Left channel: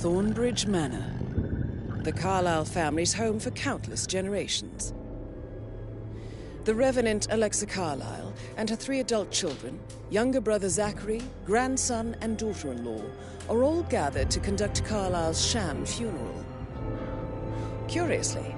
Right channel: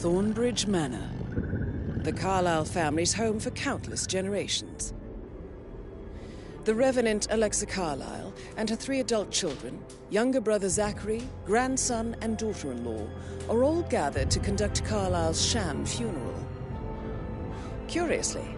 Thornbridge Manor. The Carlyle family's home for countless generations. The Revenant Alexa Carlyle and her 3 adult children, younger brother Zachary, grandson and daughter-in-law, are all gathered to conduct Carlyle's sham funeral. Curiously,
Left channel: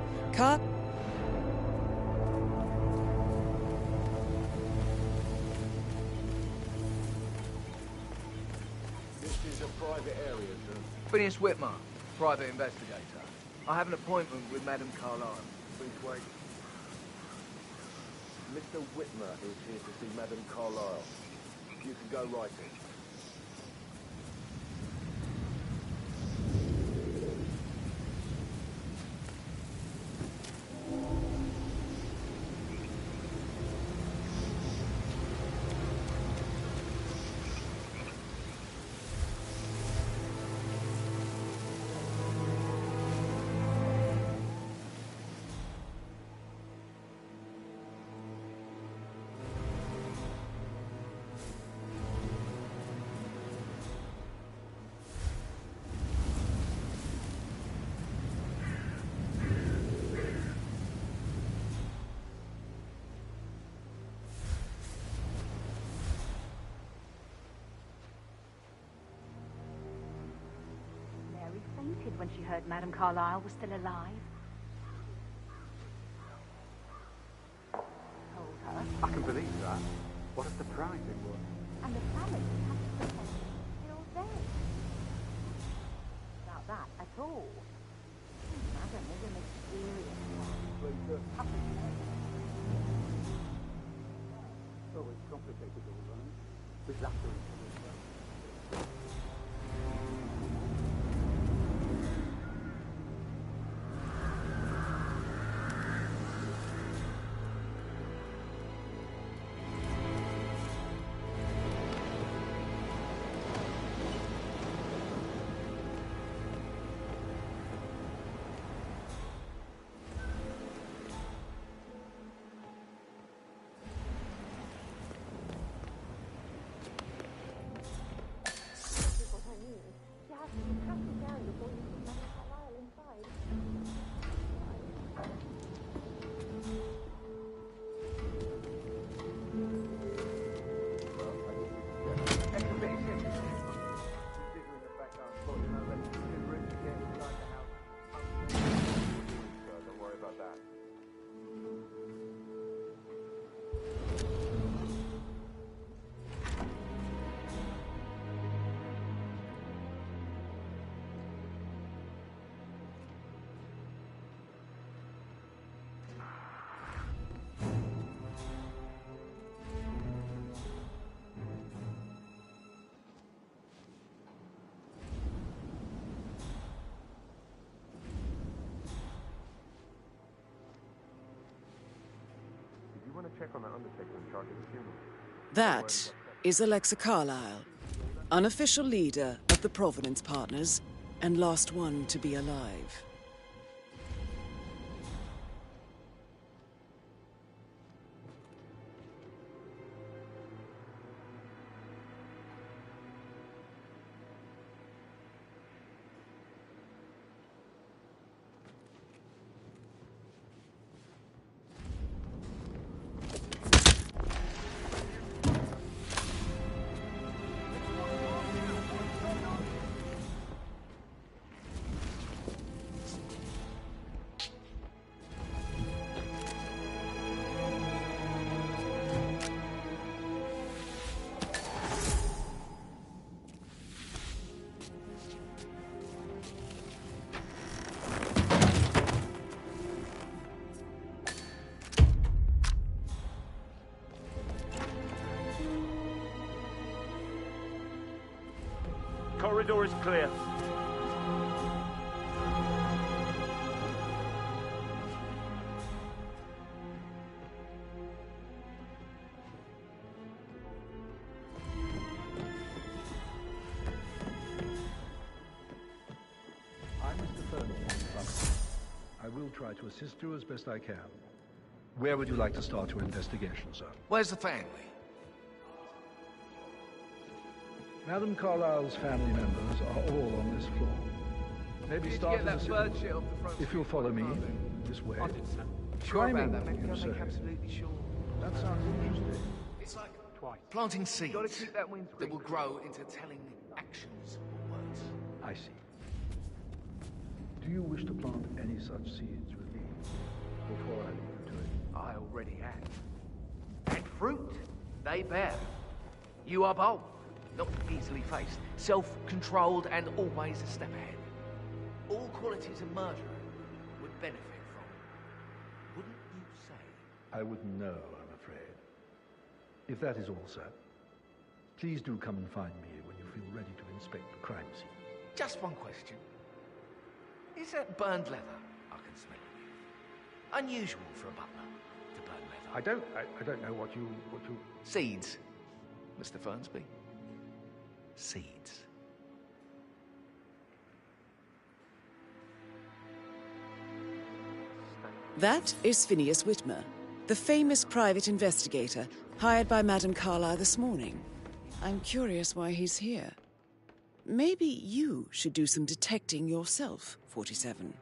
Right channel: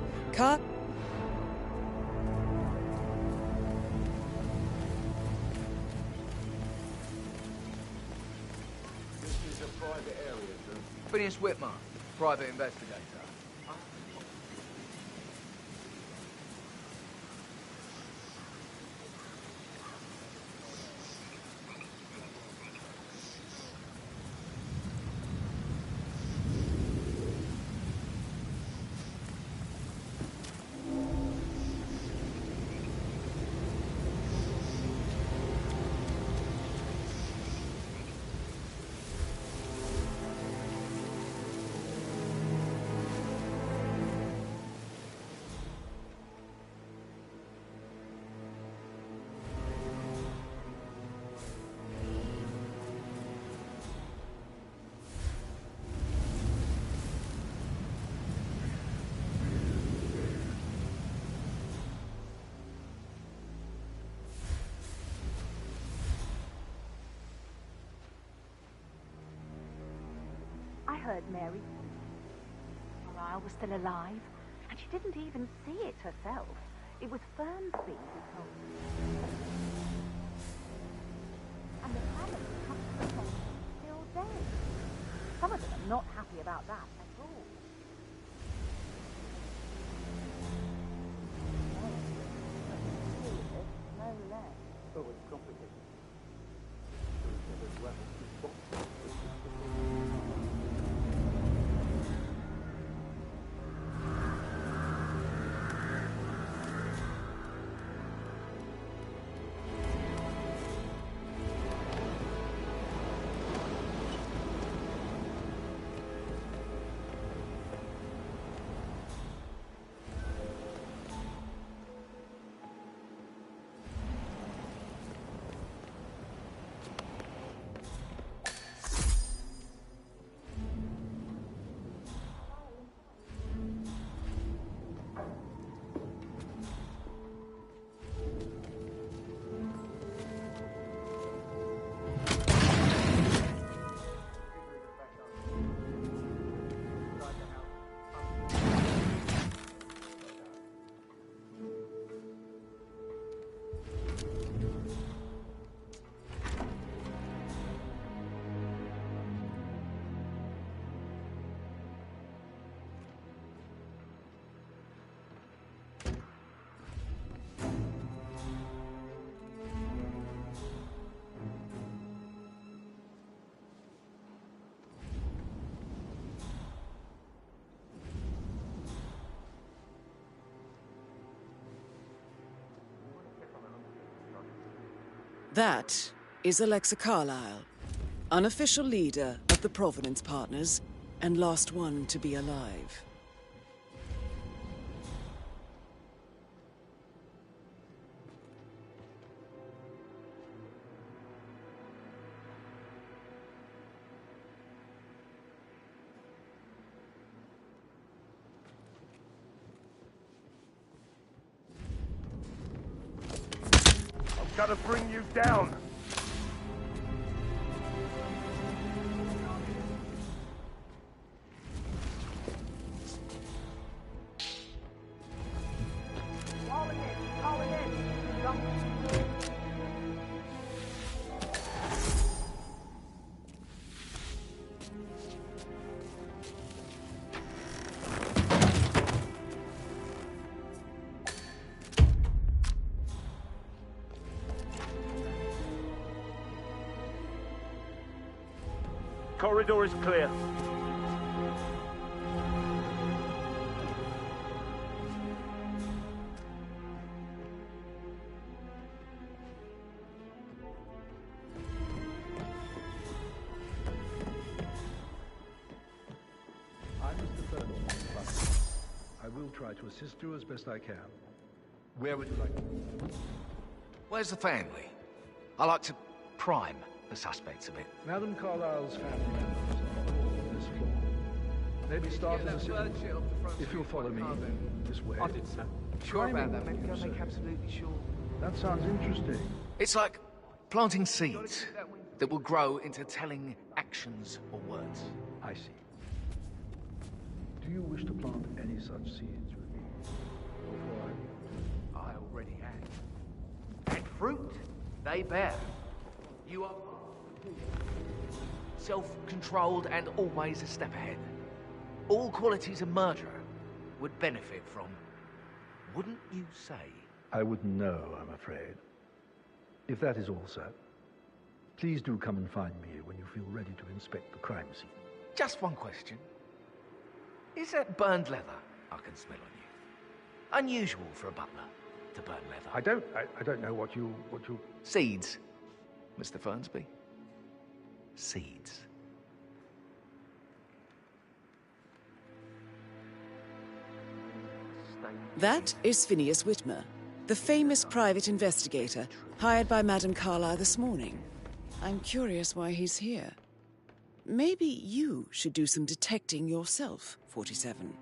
This is a private area, sir. Phineas Whitmer, private investigator. I have an appointment with Madame Carlyle. Please wait. Mr. Whitmer is here to see Madame Carlyle. You can go right in. Mary fainted when she heard Madame Carlyle was still alive, and she didn't even see it herself. It was Fernsley who told her. I can believe that. What a surprise it was. And the family have to pretend she's still dead. Some of them are not happy about that at all. Madame is an experienced with a public name. No less. Oh, it's complicated all right. There's after each other as well. Check on that undertaker in charge of the funeral. That is Alexa Carlyle, unofficial leader of the Providence Partners, and last one to be alive. Gotta bring you down. Corridor is clear. I'm Mr. Fernley. I will try to assist you as best I can. Where would you like to start your investigation, sir? Where's the family? I like to prime the suspects a bit. Madame Carlyle's family members are all on this floor. Maybe Did you start get in the that city. bird shit off the front If seat you'll follow me of my car then? this way. I did, sir. Sure about Climbing, that, maybe you don't make say. absolutely sure. That sounds interesting. It's like planting seeds that will grow into telling actions or words. I see. Do you wish to plant any such seeds with me before I leave you to it? I already have. And fruit, they bear. You are bold, not easily faced, self-controlled and always a step ahead. All qualities a murderer would benefit from, wouldn't you say? I wouldn't know, I'm afraid. If that is all, sir, please do come and find me when you feel ready to inspect the crime scene. Just one question. Is that burned leather I can smell on you? Unusual for a butler to burn leather. I don't know what you... Seeds, Mr. Fernsby. Seeds. That is Phineas Whitmer, the famous private investigator hired by Madame Carlyle this morning. I'm curious why he's here. Maybe you should do some detecting yourself, 47.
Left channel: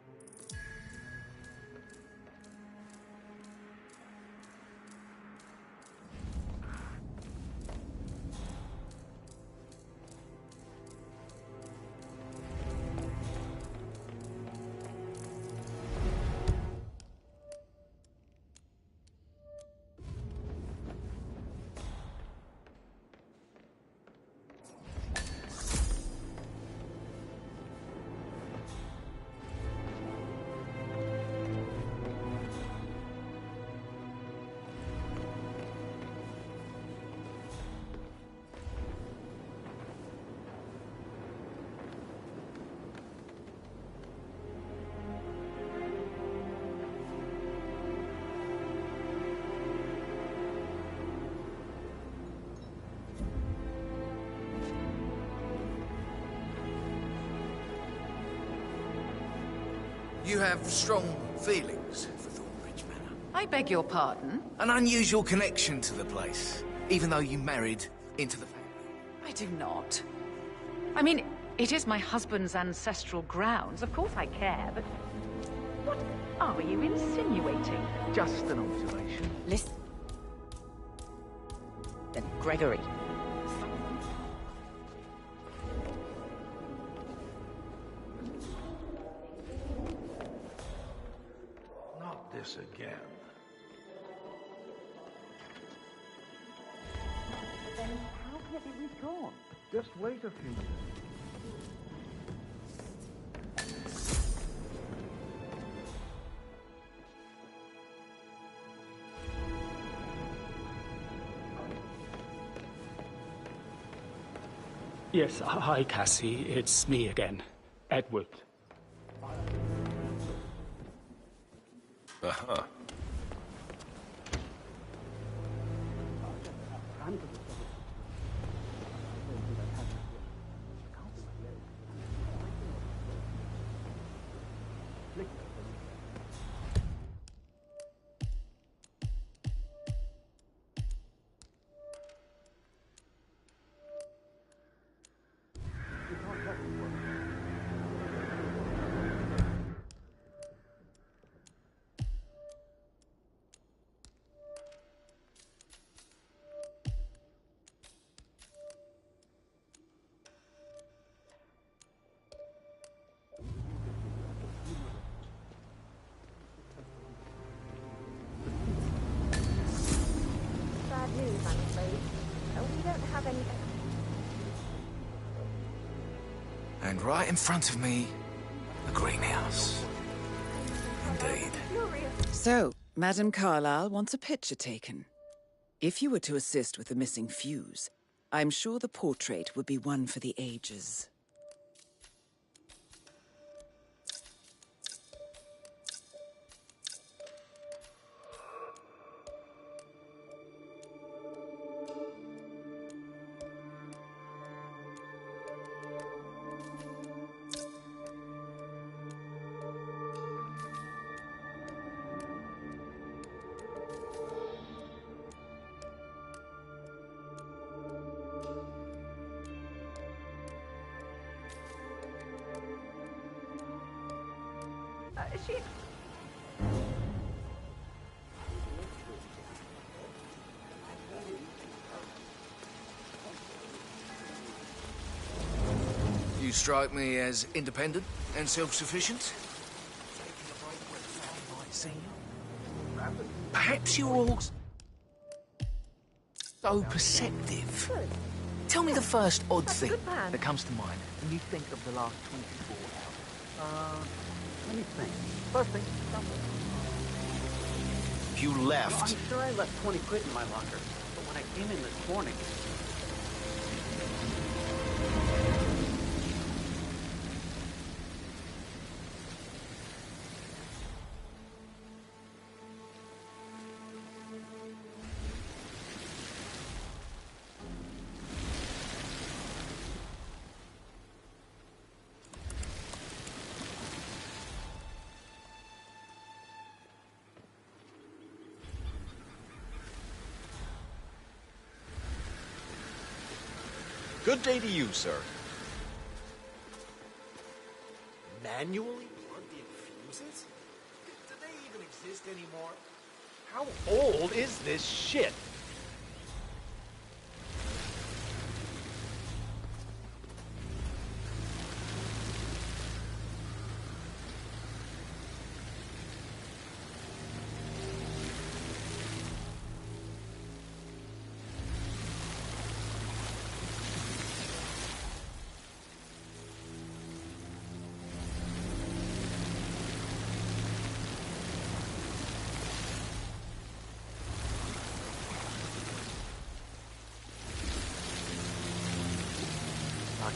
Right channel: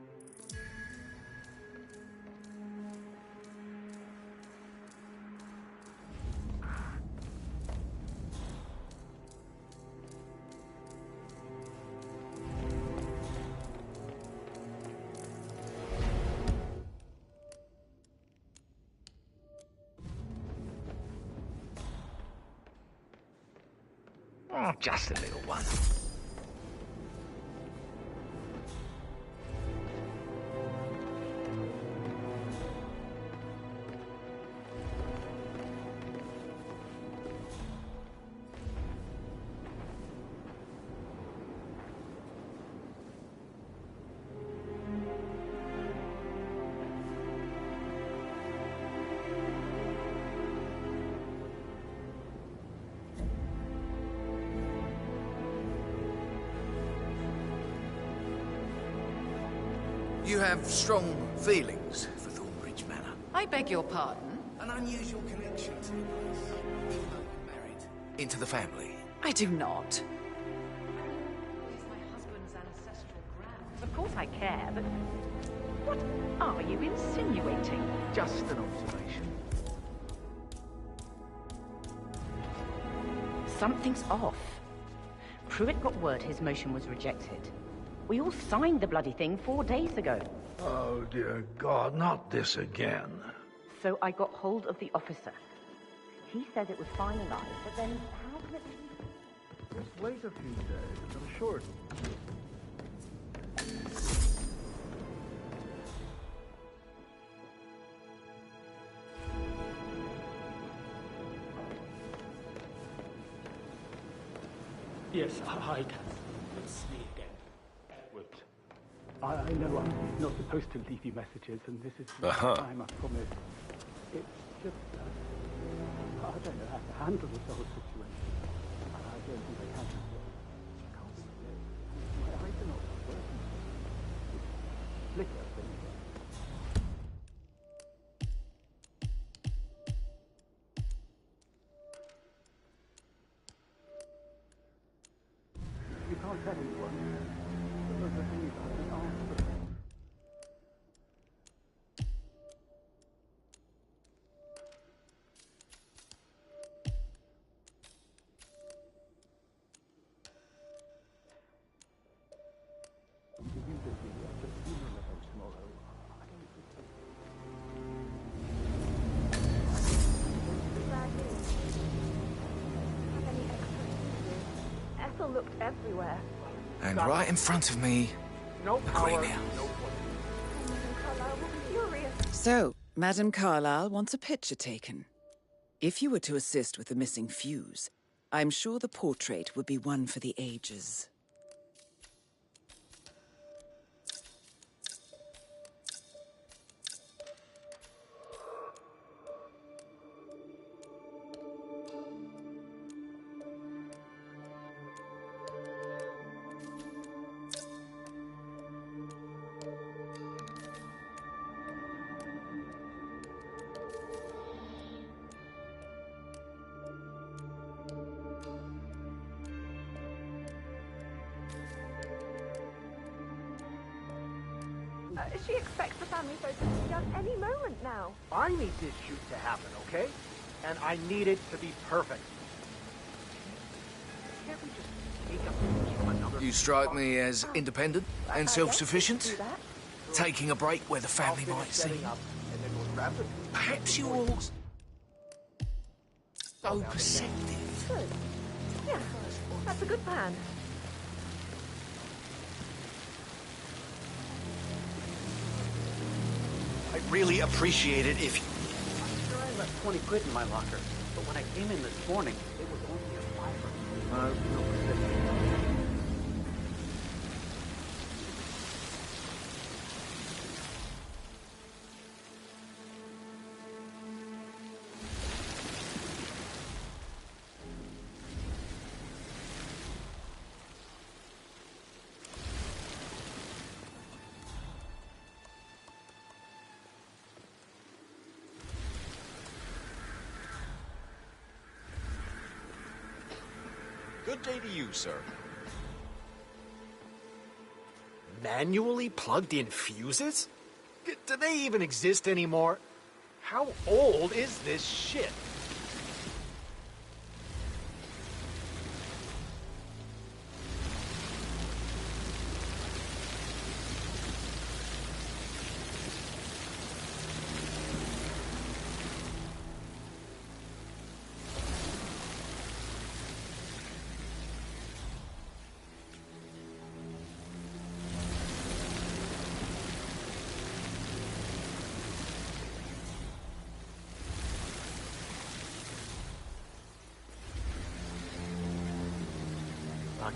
Oh, just a little one. You have strong feelings for Thornbridge Manor. I beg your pardon? An unusual connection to the place, even though you married into the family. I do not. I mean, it is my husband's ancestral grounds. Of course I care, but... What are you insinuating? Just an observation. Listen. Gregory, something's off. Pruitt got word his motion was rejected. We all signed the bloody thing 4 days ago. Oh, dear God, not this again. So I got hold of the officer. He said it was finalized, but then how can it be withdrawn? Just wait a few days, I'm sure. Yes, hi, Cassie. It's me again. Edward. I know I'm not supposed to leave you messages, and this is the time I promise. It's just... I don't know how to handle this whole situation. I don't think I can as well. I can't do my legs. My eyes are not working. It's flicker, then again. You can't tell anyone. Don't tell anyone. Bad news, I suppose. We don't have any evidence. Ethel looked everywhere. And right in front of me, the greenhouse. Carlyle will be furious. So, Madame Carlyle wants a picture taken. If you were to assist with the missing fuse, I'm sure the portrait would be one for the ages. She expects the family photos to be done any moment now. I need this shoot to happen, okay? And I need it to be perfect. You strike me as independent and self-sufficient. Taking a break where the family might see you. Perhaps you're all so perceptive. Tell me the first odd thing that comes to mind when you think of the last First thing, I'd really appreciate it if you left. I'm sure I left 20 quid in my locker, but when I came in this morning... Good day to you, sir. Manually plugged-in fuses? Do they even exist anymore? How old is this shit?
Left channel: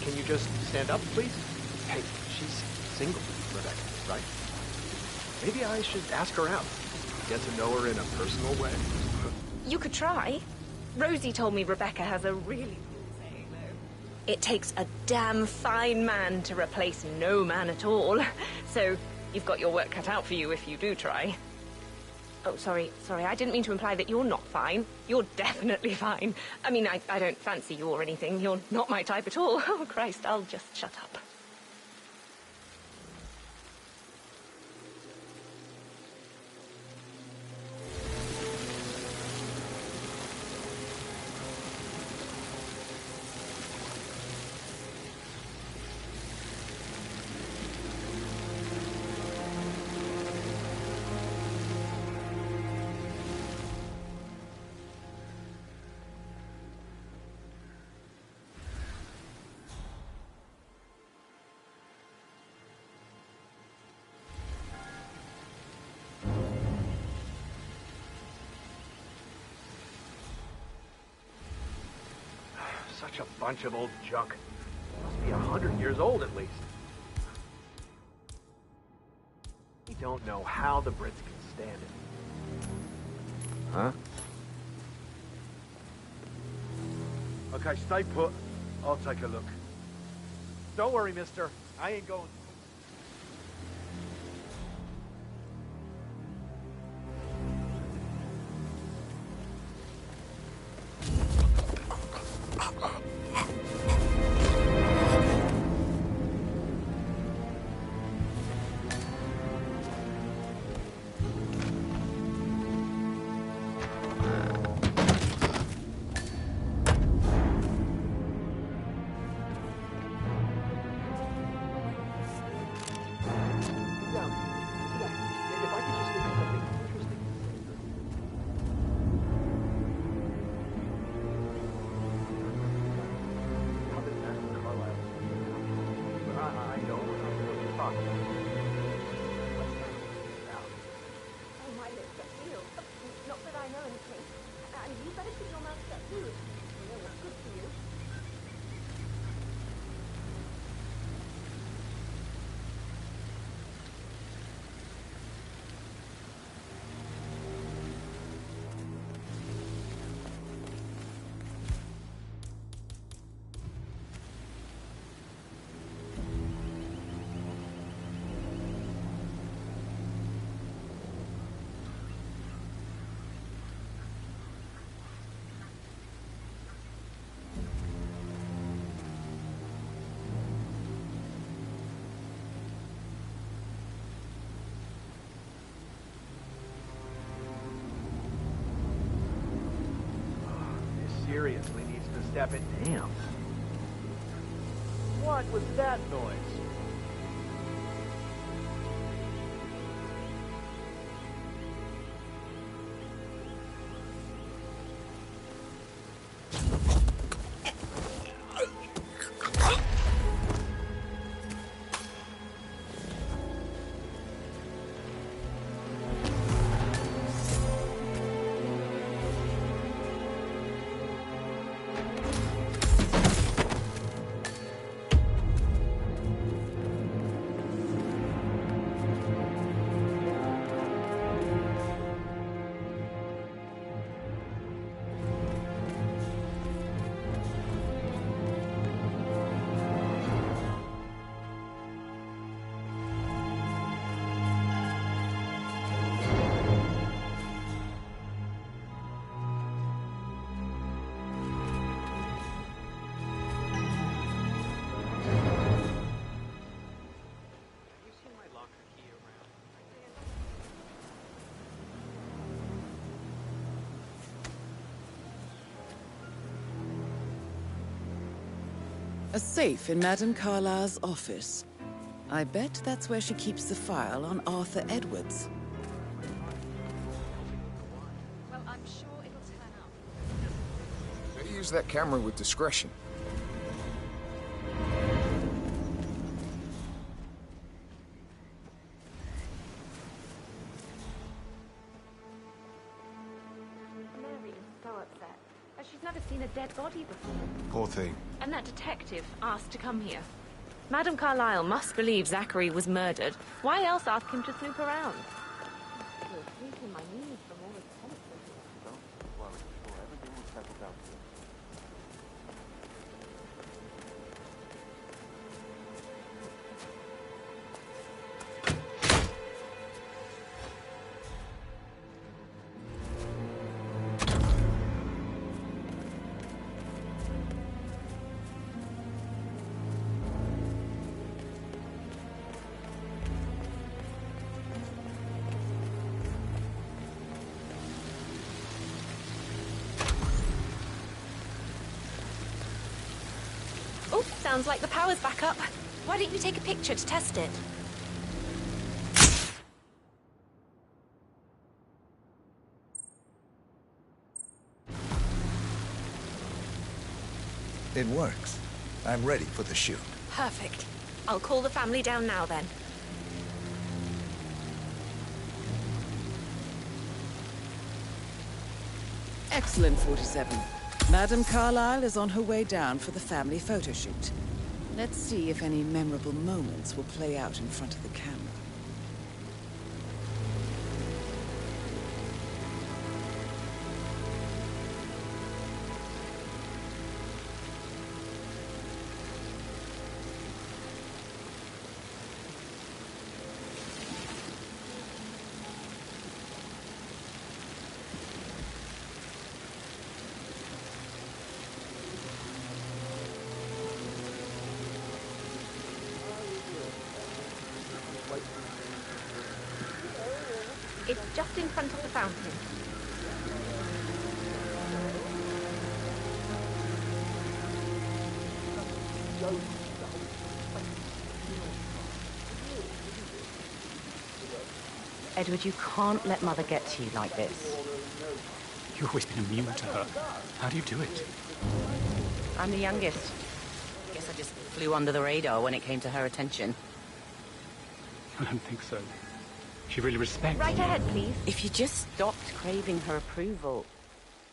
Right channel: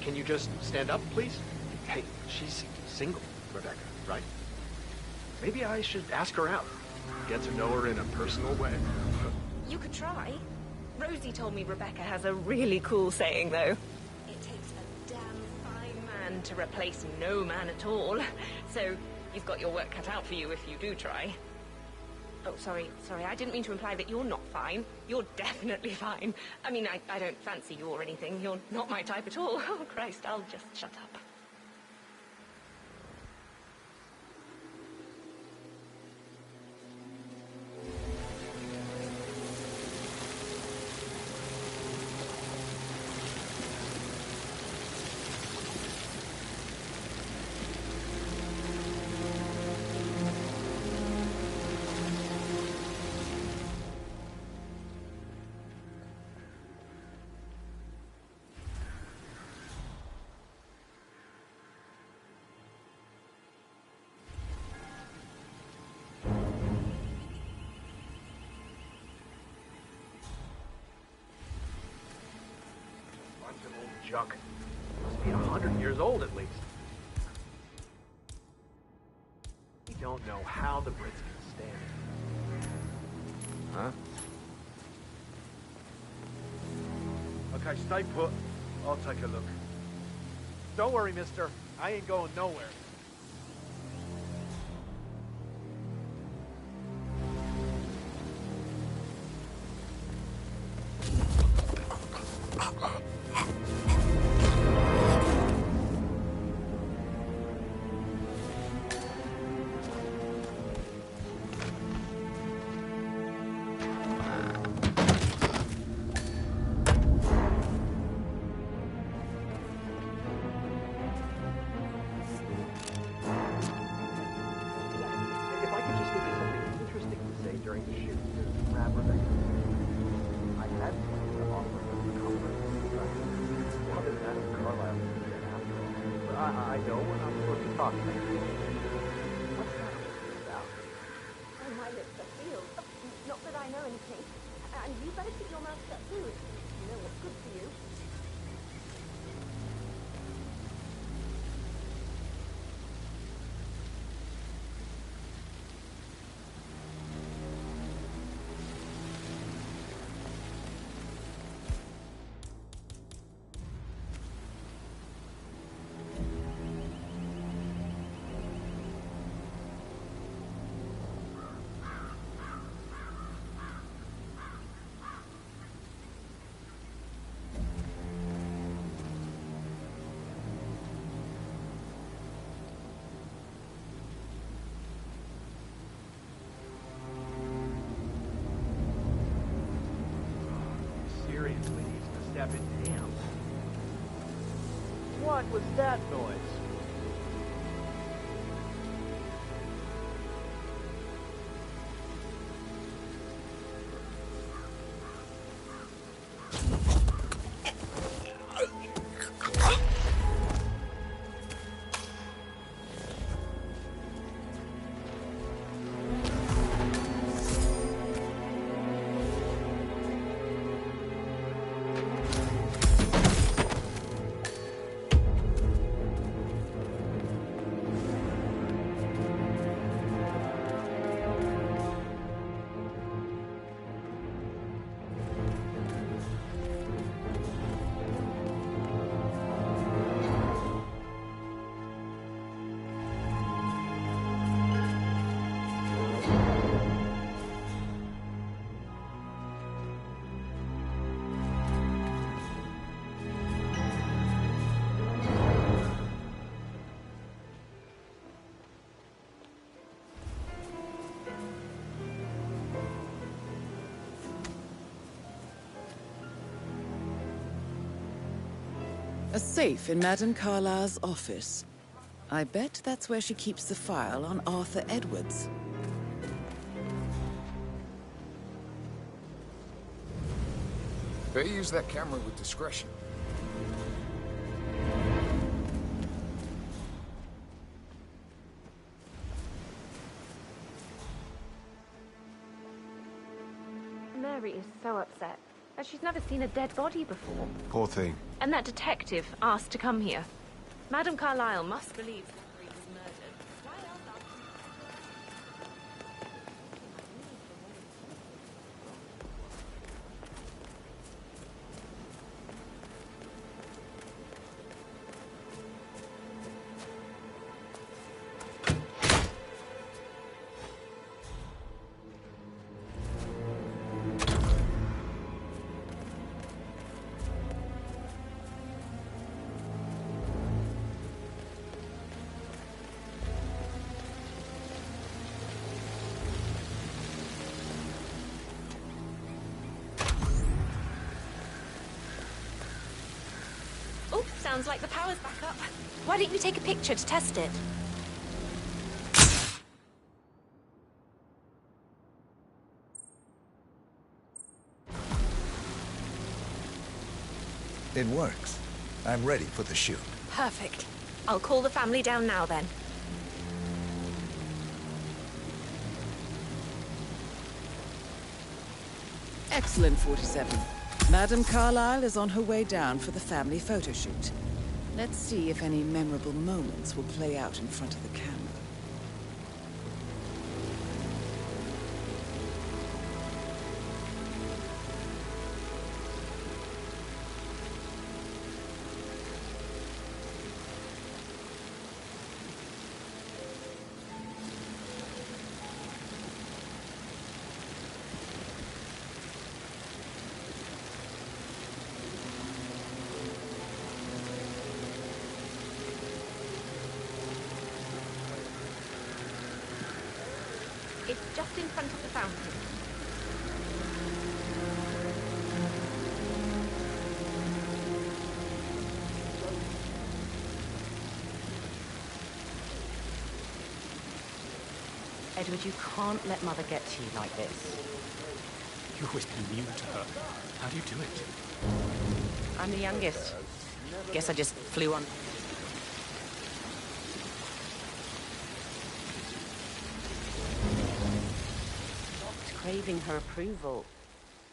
Can you just stand up, please? Hey, she's single, Rebecca, right? Maybe I should ask her out. Get to know her in a personal way. You could try. Rosie told me Rebecca has a really cool saying, though. It takes a damn fine man to replace no man at all. So you've got your work cut out for you if you do try. Oh, sorry, I didn't mean to imply that you're not fine. You're definitely fine. I mean, I don't fancy you or anything. You're not my type at all. Oh, Christ, I'll just shut up. Such a bunch of old junk. Must be 100 years old at least. We don't know how the Brits can stand it. Huh? Okay, stay put. I'll take a look. Don't worry, mister. I ain't going nowhere. I know we're not supposed to talk about it. What's that about? Oh, my lips are sealed. Not that I know anything. And you better keep your mouth shut too, if you know what's good for you. seriously needs to step in. Damn. What was that noise? A safe in Madame Carlyle's office. I bet that's where she keeps the file on Arthur Edwards. Better use that camera with discretion. Mary is so upset. As she's never seen a dead body before. Poor thing. And that detective asked to come here. Madame Carlyle must believe Zachary was murdered. Why else ask him to snoop around? Oh, sounds like the power's back up. Why don't you take a picture to test it? It works. I'm ready for the shoot. Perfect. I'll call the family down now then. Excellent, 47. Madame Carlyle is on her way down for the family photo shoot. Let's see if any memorable moments will play out in front of the camera. It's just in front of the fountain. Edward, you can't let Mother get to you like this. You've always been immune to her. How do you do it? I'm the youngest. Guess I just flew under the radar when it came to her attention. I don't think so. She really respects Right ahead, please. If you just stopped craving her approval.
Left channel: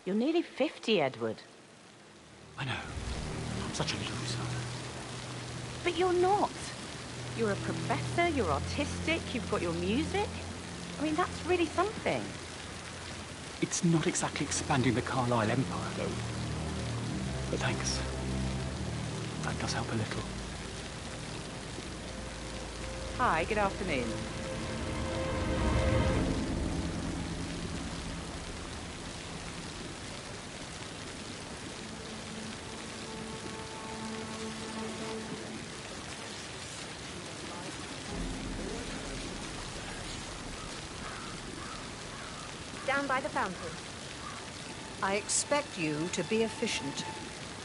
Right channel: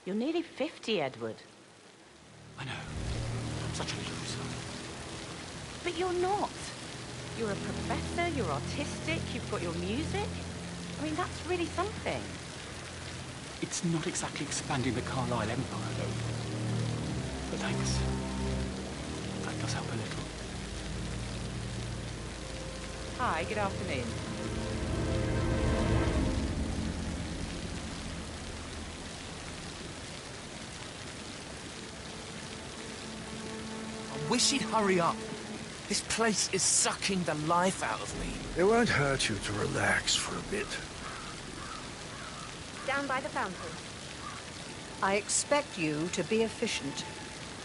You're nearly 50, Edward. I know. I'm such a loser. But you're not. You're a professor, you're artistic, you've got your music. I mean, that's really something. It's not exactly expanding the Carlyle empire, though. But thanks. That does help a little. Hi, good afternoon. Wish he'd hurry up. This place is sucking the life out of me. It won't hurt you to relax for a bit. Down by the fountain. I expect you to be efficient.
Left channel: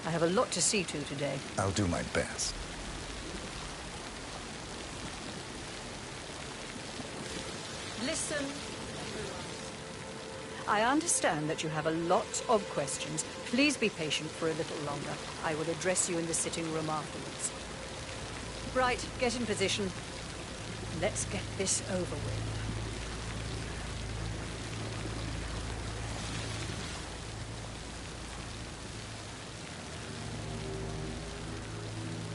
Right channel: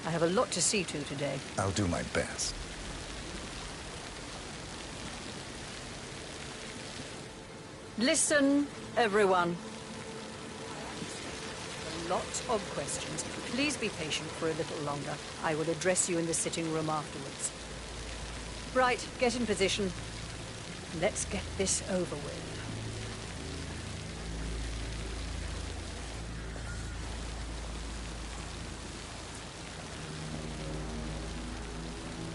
I have a lot to see to today. I'll do my best. Listen, everyone. I understand that you have a lot of questions. Please be patient for a little longer. I will address you in the sitting room afterwards. Right, get in position. Let's get this over with.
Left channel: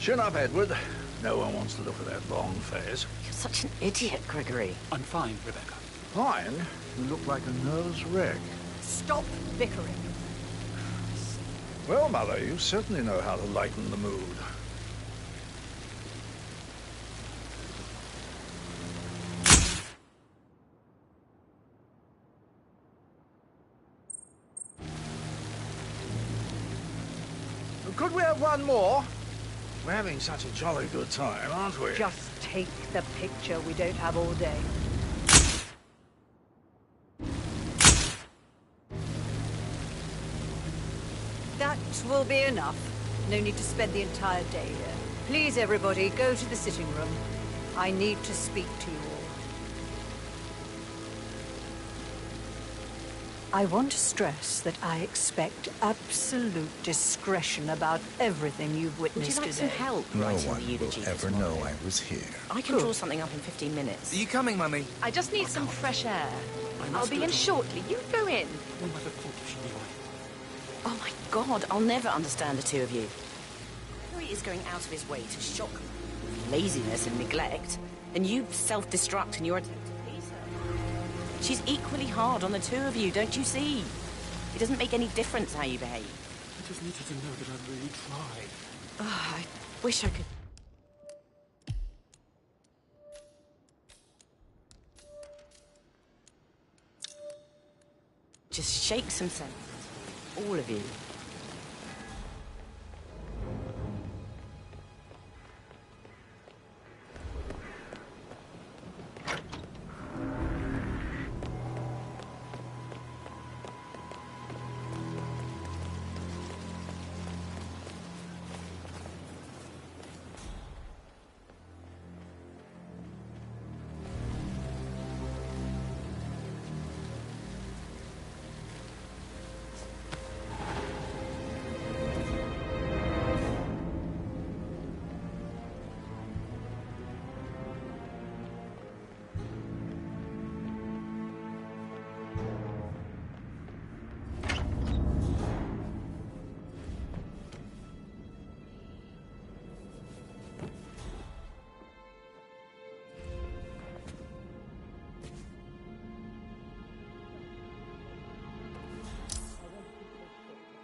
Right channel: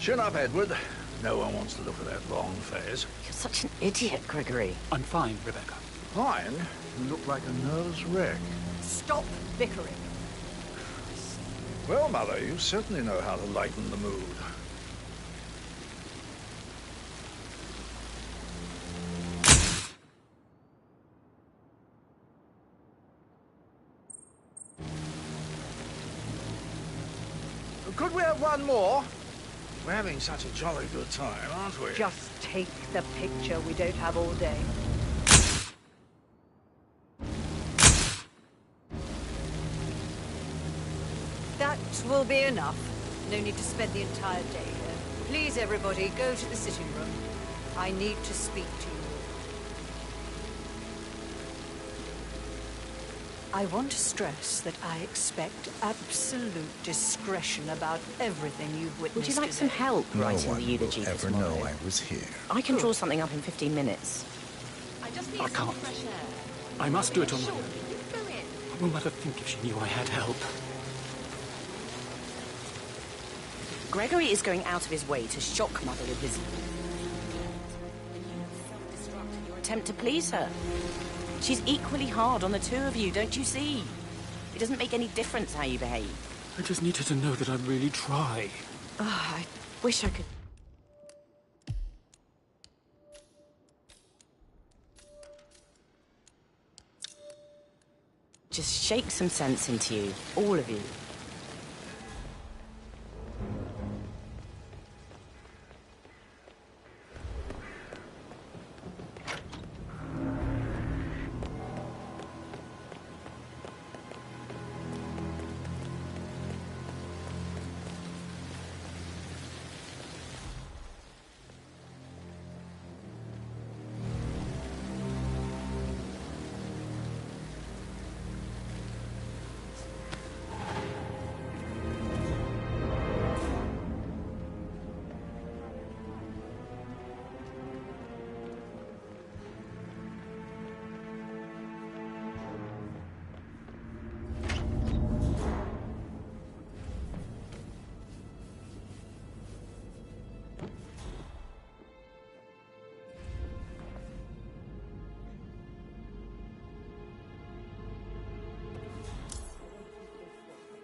Chin up, Edward. No one wants to look at that long face. You're such an idiot, Gregory. I'm fine, Rebecca. Fine? You look like a nervous wreck. Stop bickering. Well, Mother, you certainly know how to lighten the mood. Could we have one more? We're having such a jolly good time, aren't we? Just take the picture. We don't have all day. That will be enough. No need to spend the entire day here. Please, everybody, go to the sitting room. I need to speak to you all. I want to stress that I expect absolute discretion about everything you've witnessed Would you like today. some help No writing one the eulogy will this ever morning? know I was here. I can draw something up in 15 minutes. Are you coming, Mummy? I just need some fresh air. I must I'll do be it in on... shortly. You go in. What will Mother think if she knew I had help? Oh my God, I'll never understand the two of you. Gregory is going out of his way to shock Mother with his laziness and neglect, and you self-destruct in your attempt to please her. She's equally hard on the two of you, don't you see? It doesn't make any difference how you behave. I just need her to know that I really try. I wish I could... Just shake some sense into you, all of you.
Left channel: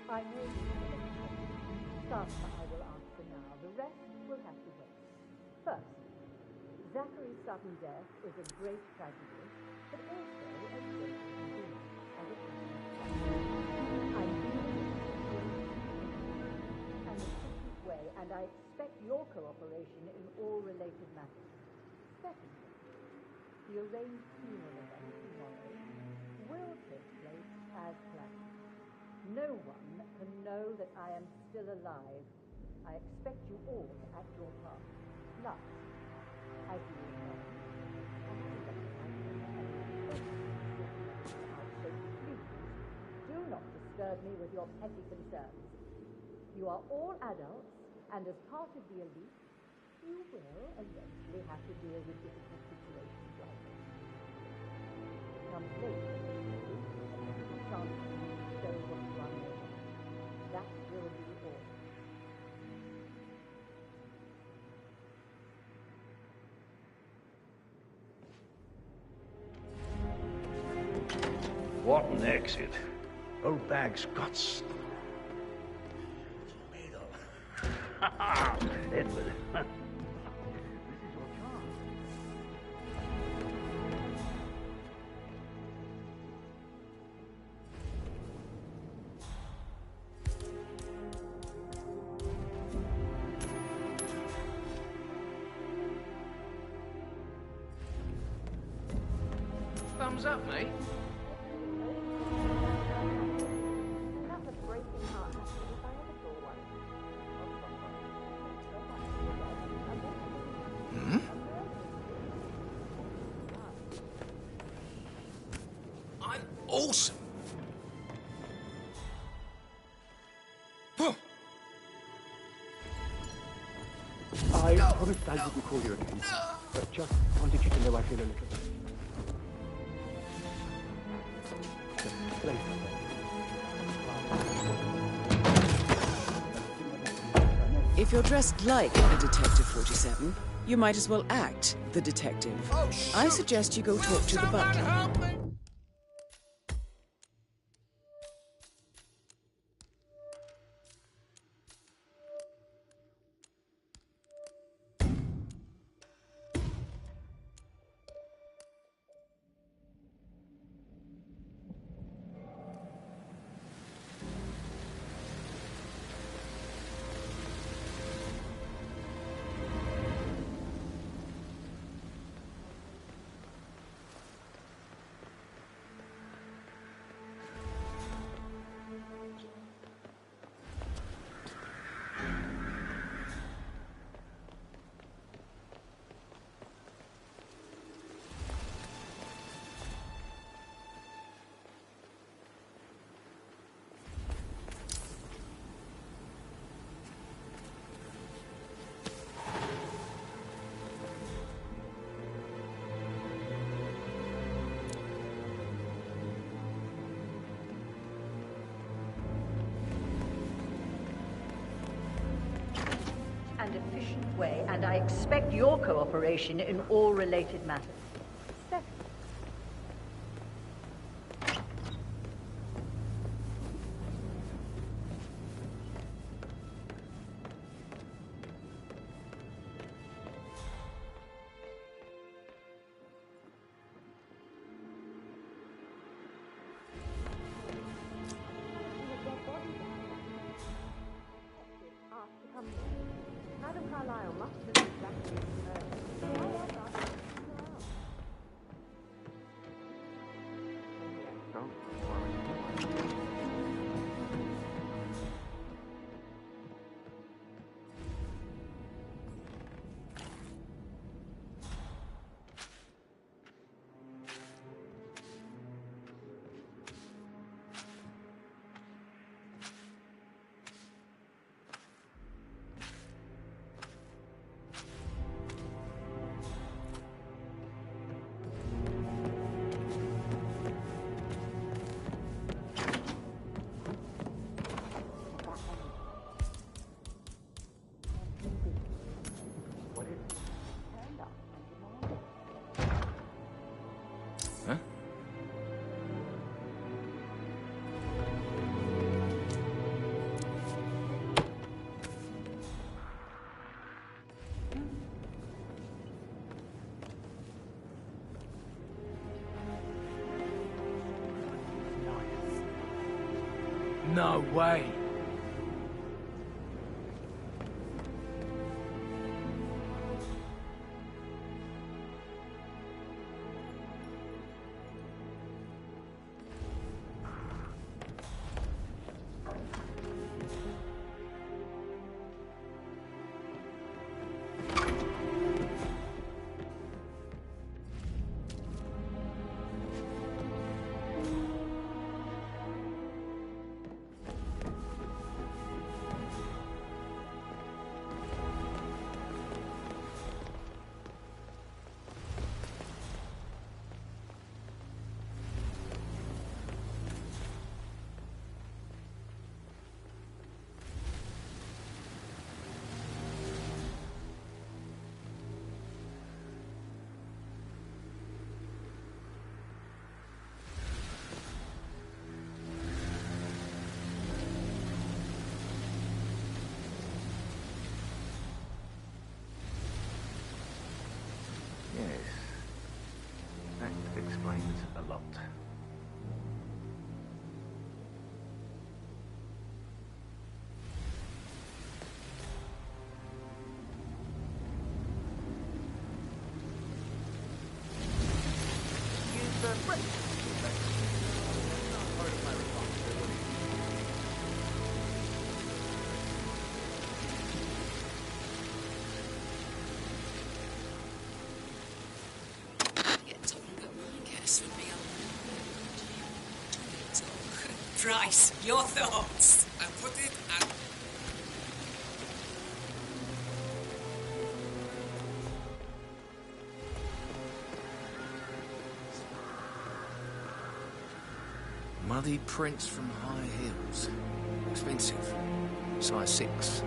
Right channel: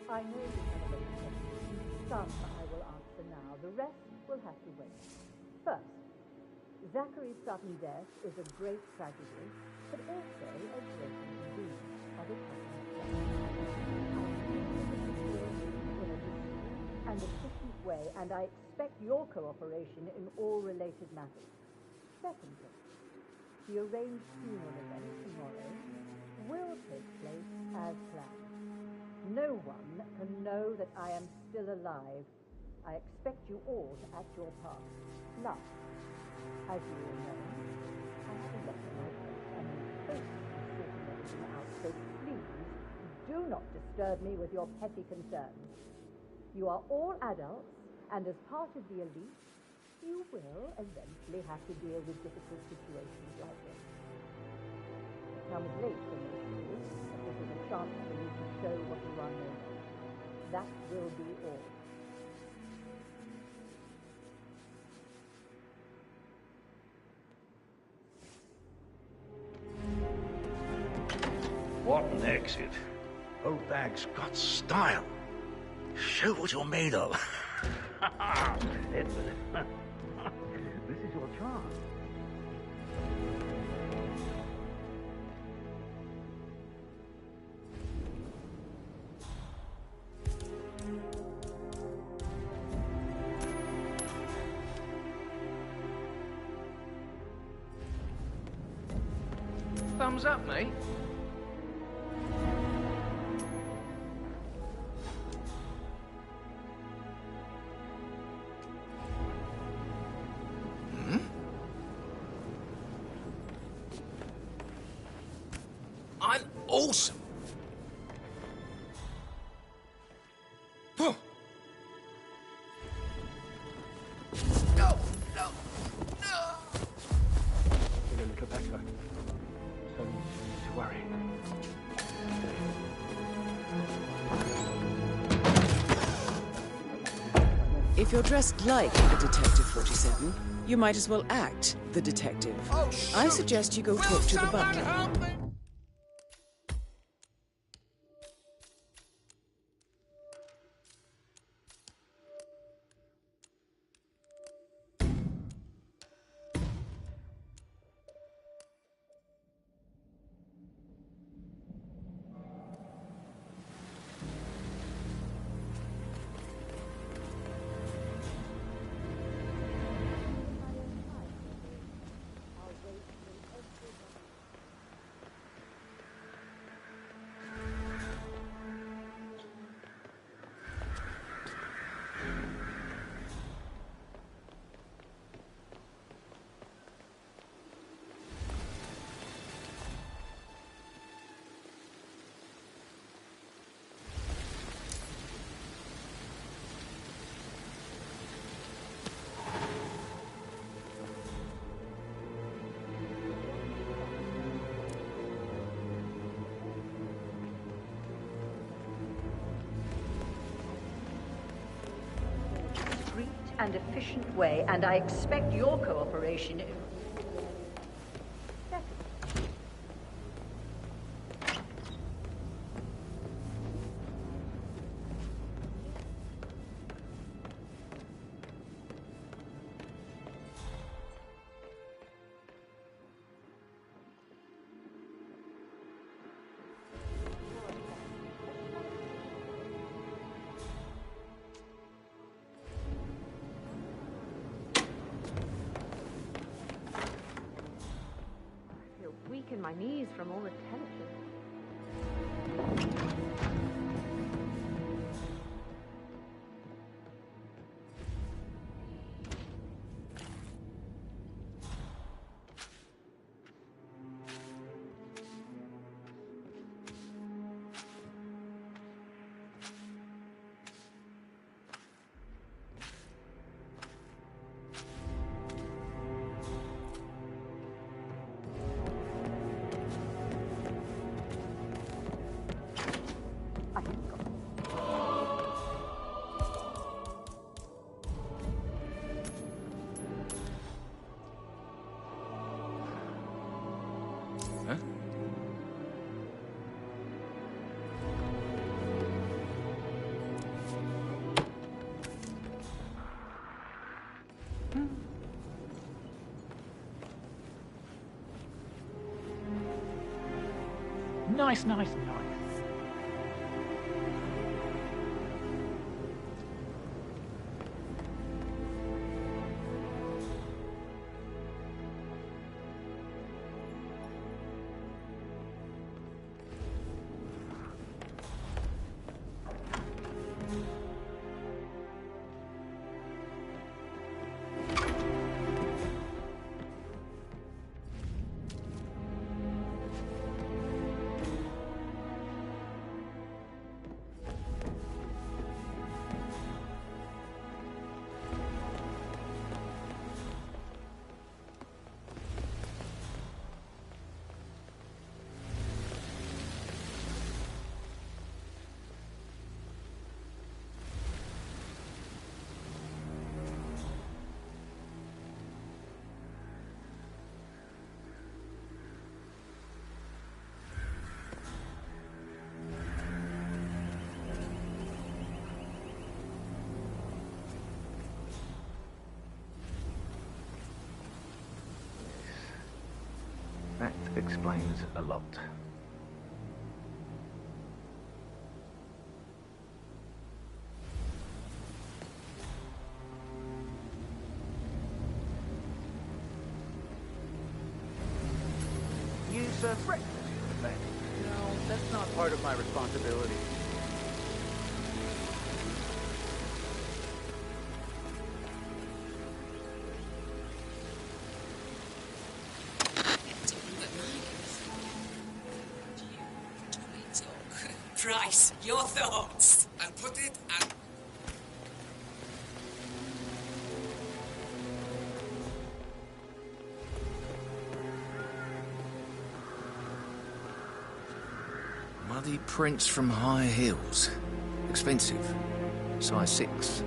I know you have a lot of questions. Some I will answer now. The rest will have to wait. First, Zachary's sudden death is a great tragedy, but also a great inconvenience, as it happens just. I'm dealing with this in an efficient way, and I expect your cooperation in all related matters. Secondly, the arranged funeral event tomorrow will take place as planned. No one can know that I am still alive. I expect you all to act your part. Last, as you all know, I have a lot on my plate and am focused on sorting everything out, so please do not disturb me with your petty concerns. You are all adults, and as part of the elite, you will eventually have to deal with difficult situations like this. It comes late for most of you, but this is a chance for you to show what you are made of. That will be all. What an exit. Old bag's got style. Show what you're made of. Edward, this is your chance. Thumbs up, mate. awesome. Huh. I wouldn't thank you before you anything. I just wanted you to know I feel a little better. Don't worry. If you're dressed like a Detective 47, you might as well act the detective. Oh, I suggest you go talk to the butler. Help me. And efficient way, and I expect your cooperation in all related matters. Second, my knees from all the tension. Nice. No way. That explains a lot. You serve breakfast for the bank? No, that's not part of my responsibility. Price, your thoughts? I put it at... Muddy prints from high heels. Expensive. Size 6.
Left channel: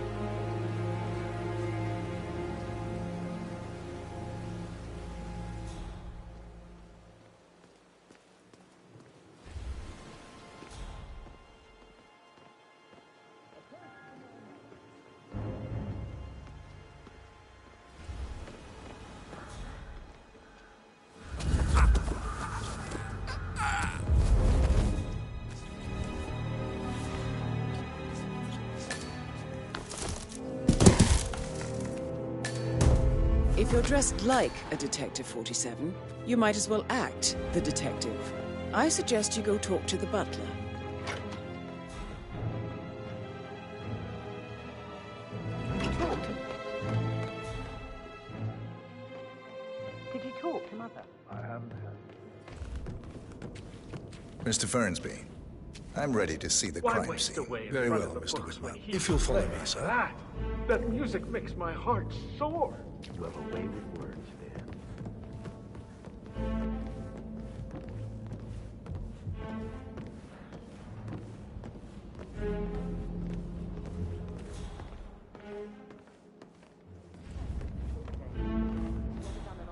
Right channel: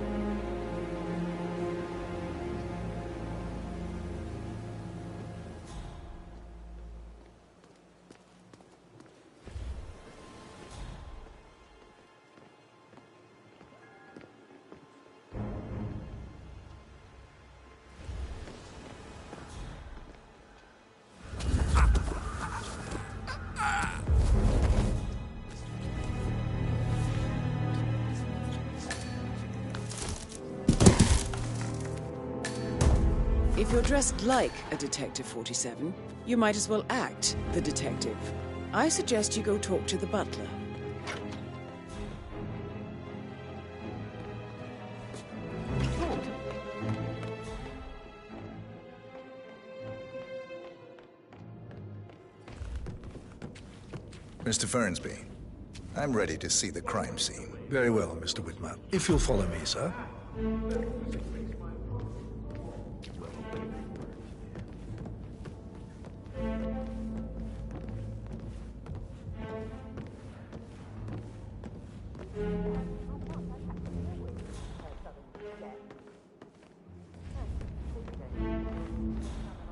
If you're dressed like a Detective 47, you might as well act the detective. I suggest you go talk to the butler. Did you talk to Mother? Mr. Fernsby, I'm ready to see the crime scene. Very well, Mr. Whitman. If you'll follow me, sir. That music makes my heart soar. Well, away with words, then.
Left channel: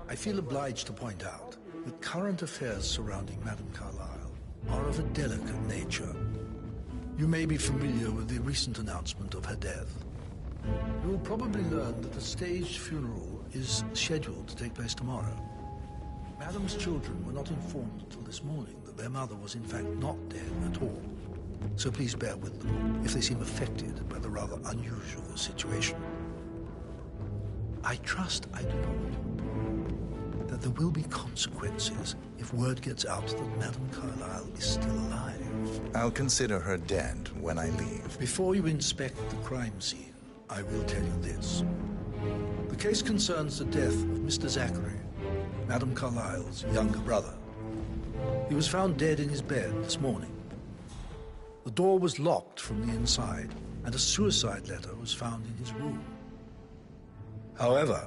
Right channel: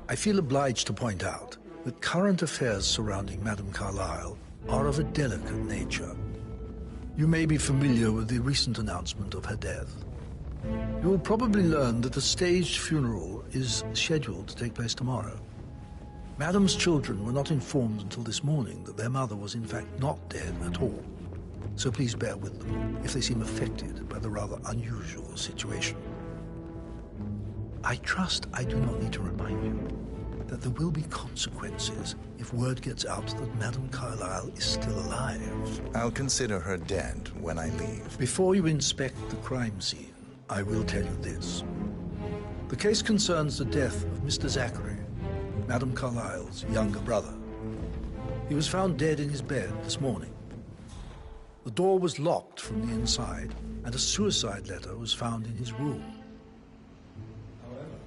I feel obliged to point out that current affairs surrounding Madame Carlyle are of a delicate nature. You may be familiar with the recent announcement of her death. You will probably learn that a staged funeral is scheduled to take place tomorrow. Madame's children were not informed until this morning that their mother was in fact not dead at all. So please bear with them if they seem affected by the rather unusual situation. I trust I do not need to remind you that there will be consequences if word gets out that Madame Carlyle is still alive. I'll consider her dead when I leave. Before you inspect the crime scene, I will tell you this. The case concerns the death of Mr. Zachary, Madame Carlyle's younger brother. He was found dead in his bed this morning. The door was locked from the inside, and a suicide letter was found in his room. However,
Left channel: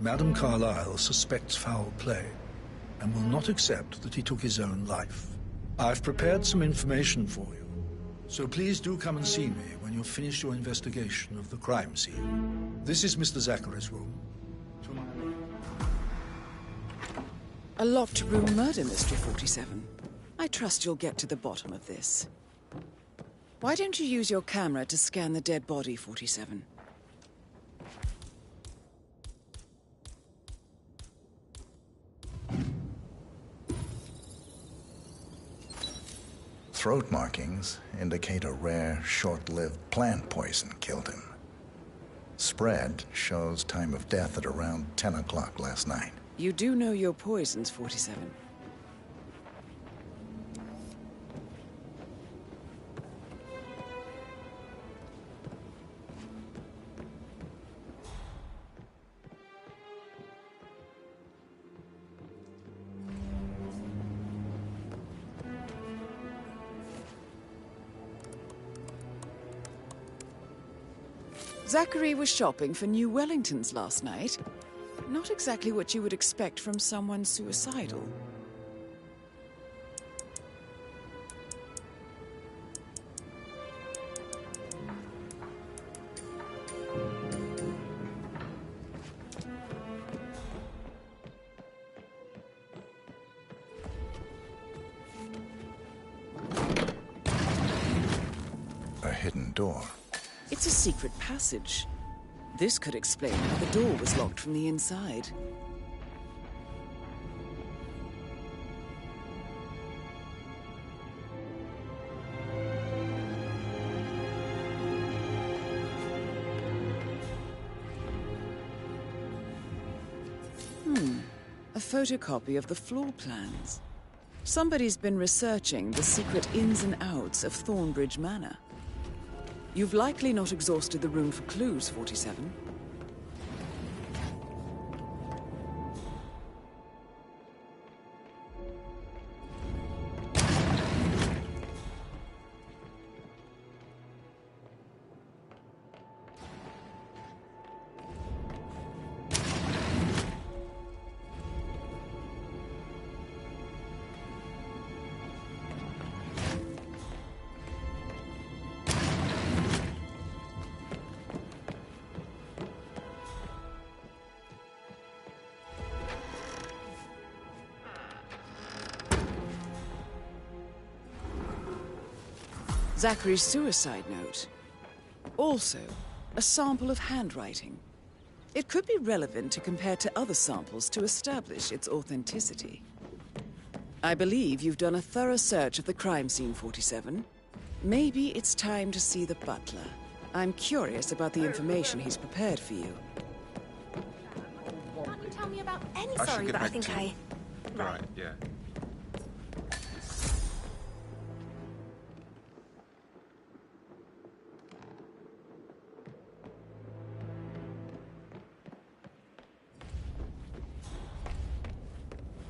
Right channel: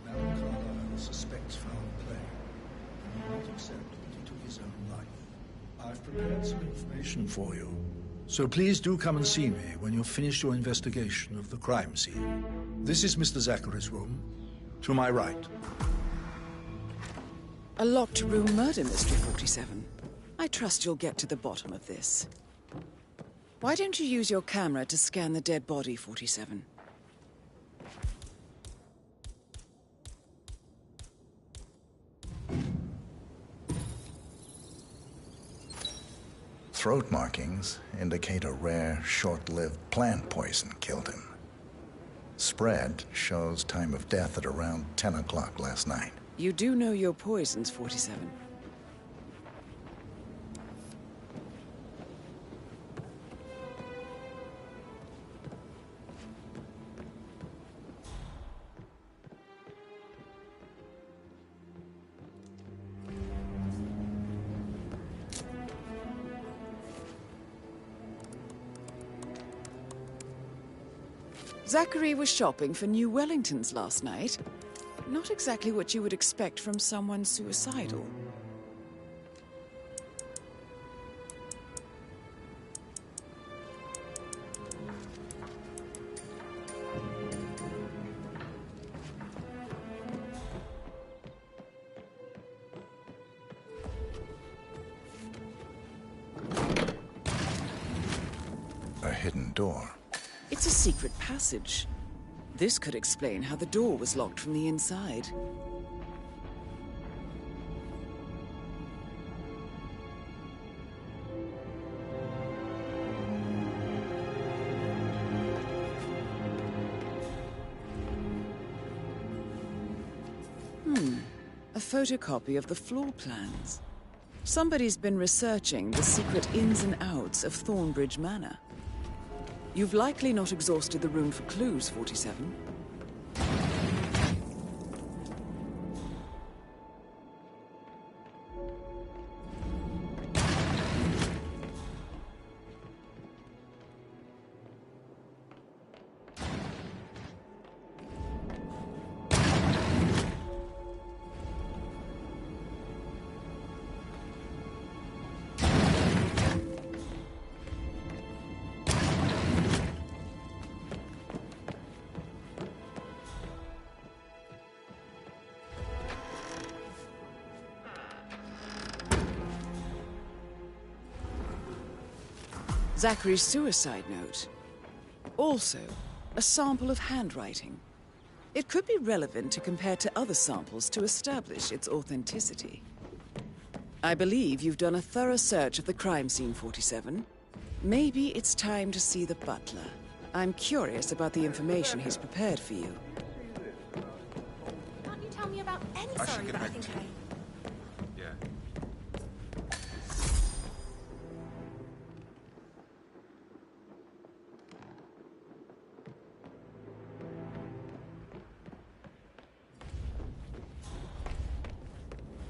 Madame Carlyle suspects foul play and will not accept that he took his own life. I've prepared some information for you, so please do come and see me when you've finished your investigation of the crime scene. This is Mr. Zachary's room, to my right. A locked room murder mystery, 47. I trust you'll get to the bottom of this. Why don't you use your camera to scan the dead body, 47? Throat markings indicate a rare, short-lived plant poison killed him. Spread shows time of death at around 10 o'clock last night. You do know your poisons, 47. Zachary was shopping for new Wellingtons last night. Not exactly what you would expect from someone suicidal. A hidden door. It's a secret passage. This could explain how the door was locked from the inside. A photocopy of the floor plans. Somebody's been researching the secret ins and outs of Thornbridge Manor. You've likely not exhausted the room for clues, 47. Zachary's suicide note. Also, a sample of handwriting. It could be relevant to compare to other samples to establish its authenticity. I believe you've done a thorough search of the crime scene, 47. Maybe it's time to see the butler. I'm curious about the information he's prepared for you. Can't you tell me about any... I should Sorry, get but I back think to you. Right, yeah.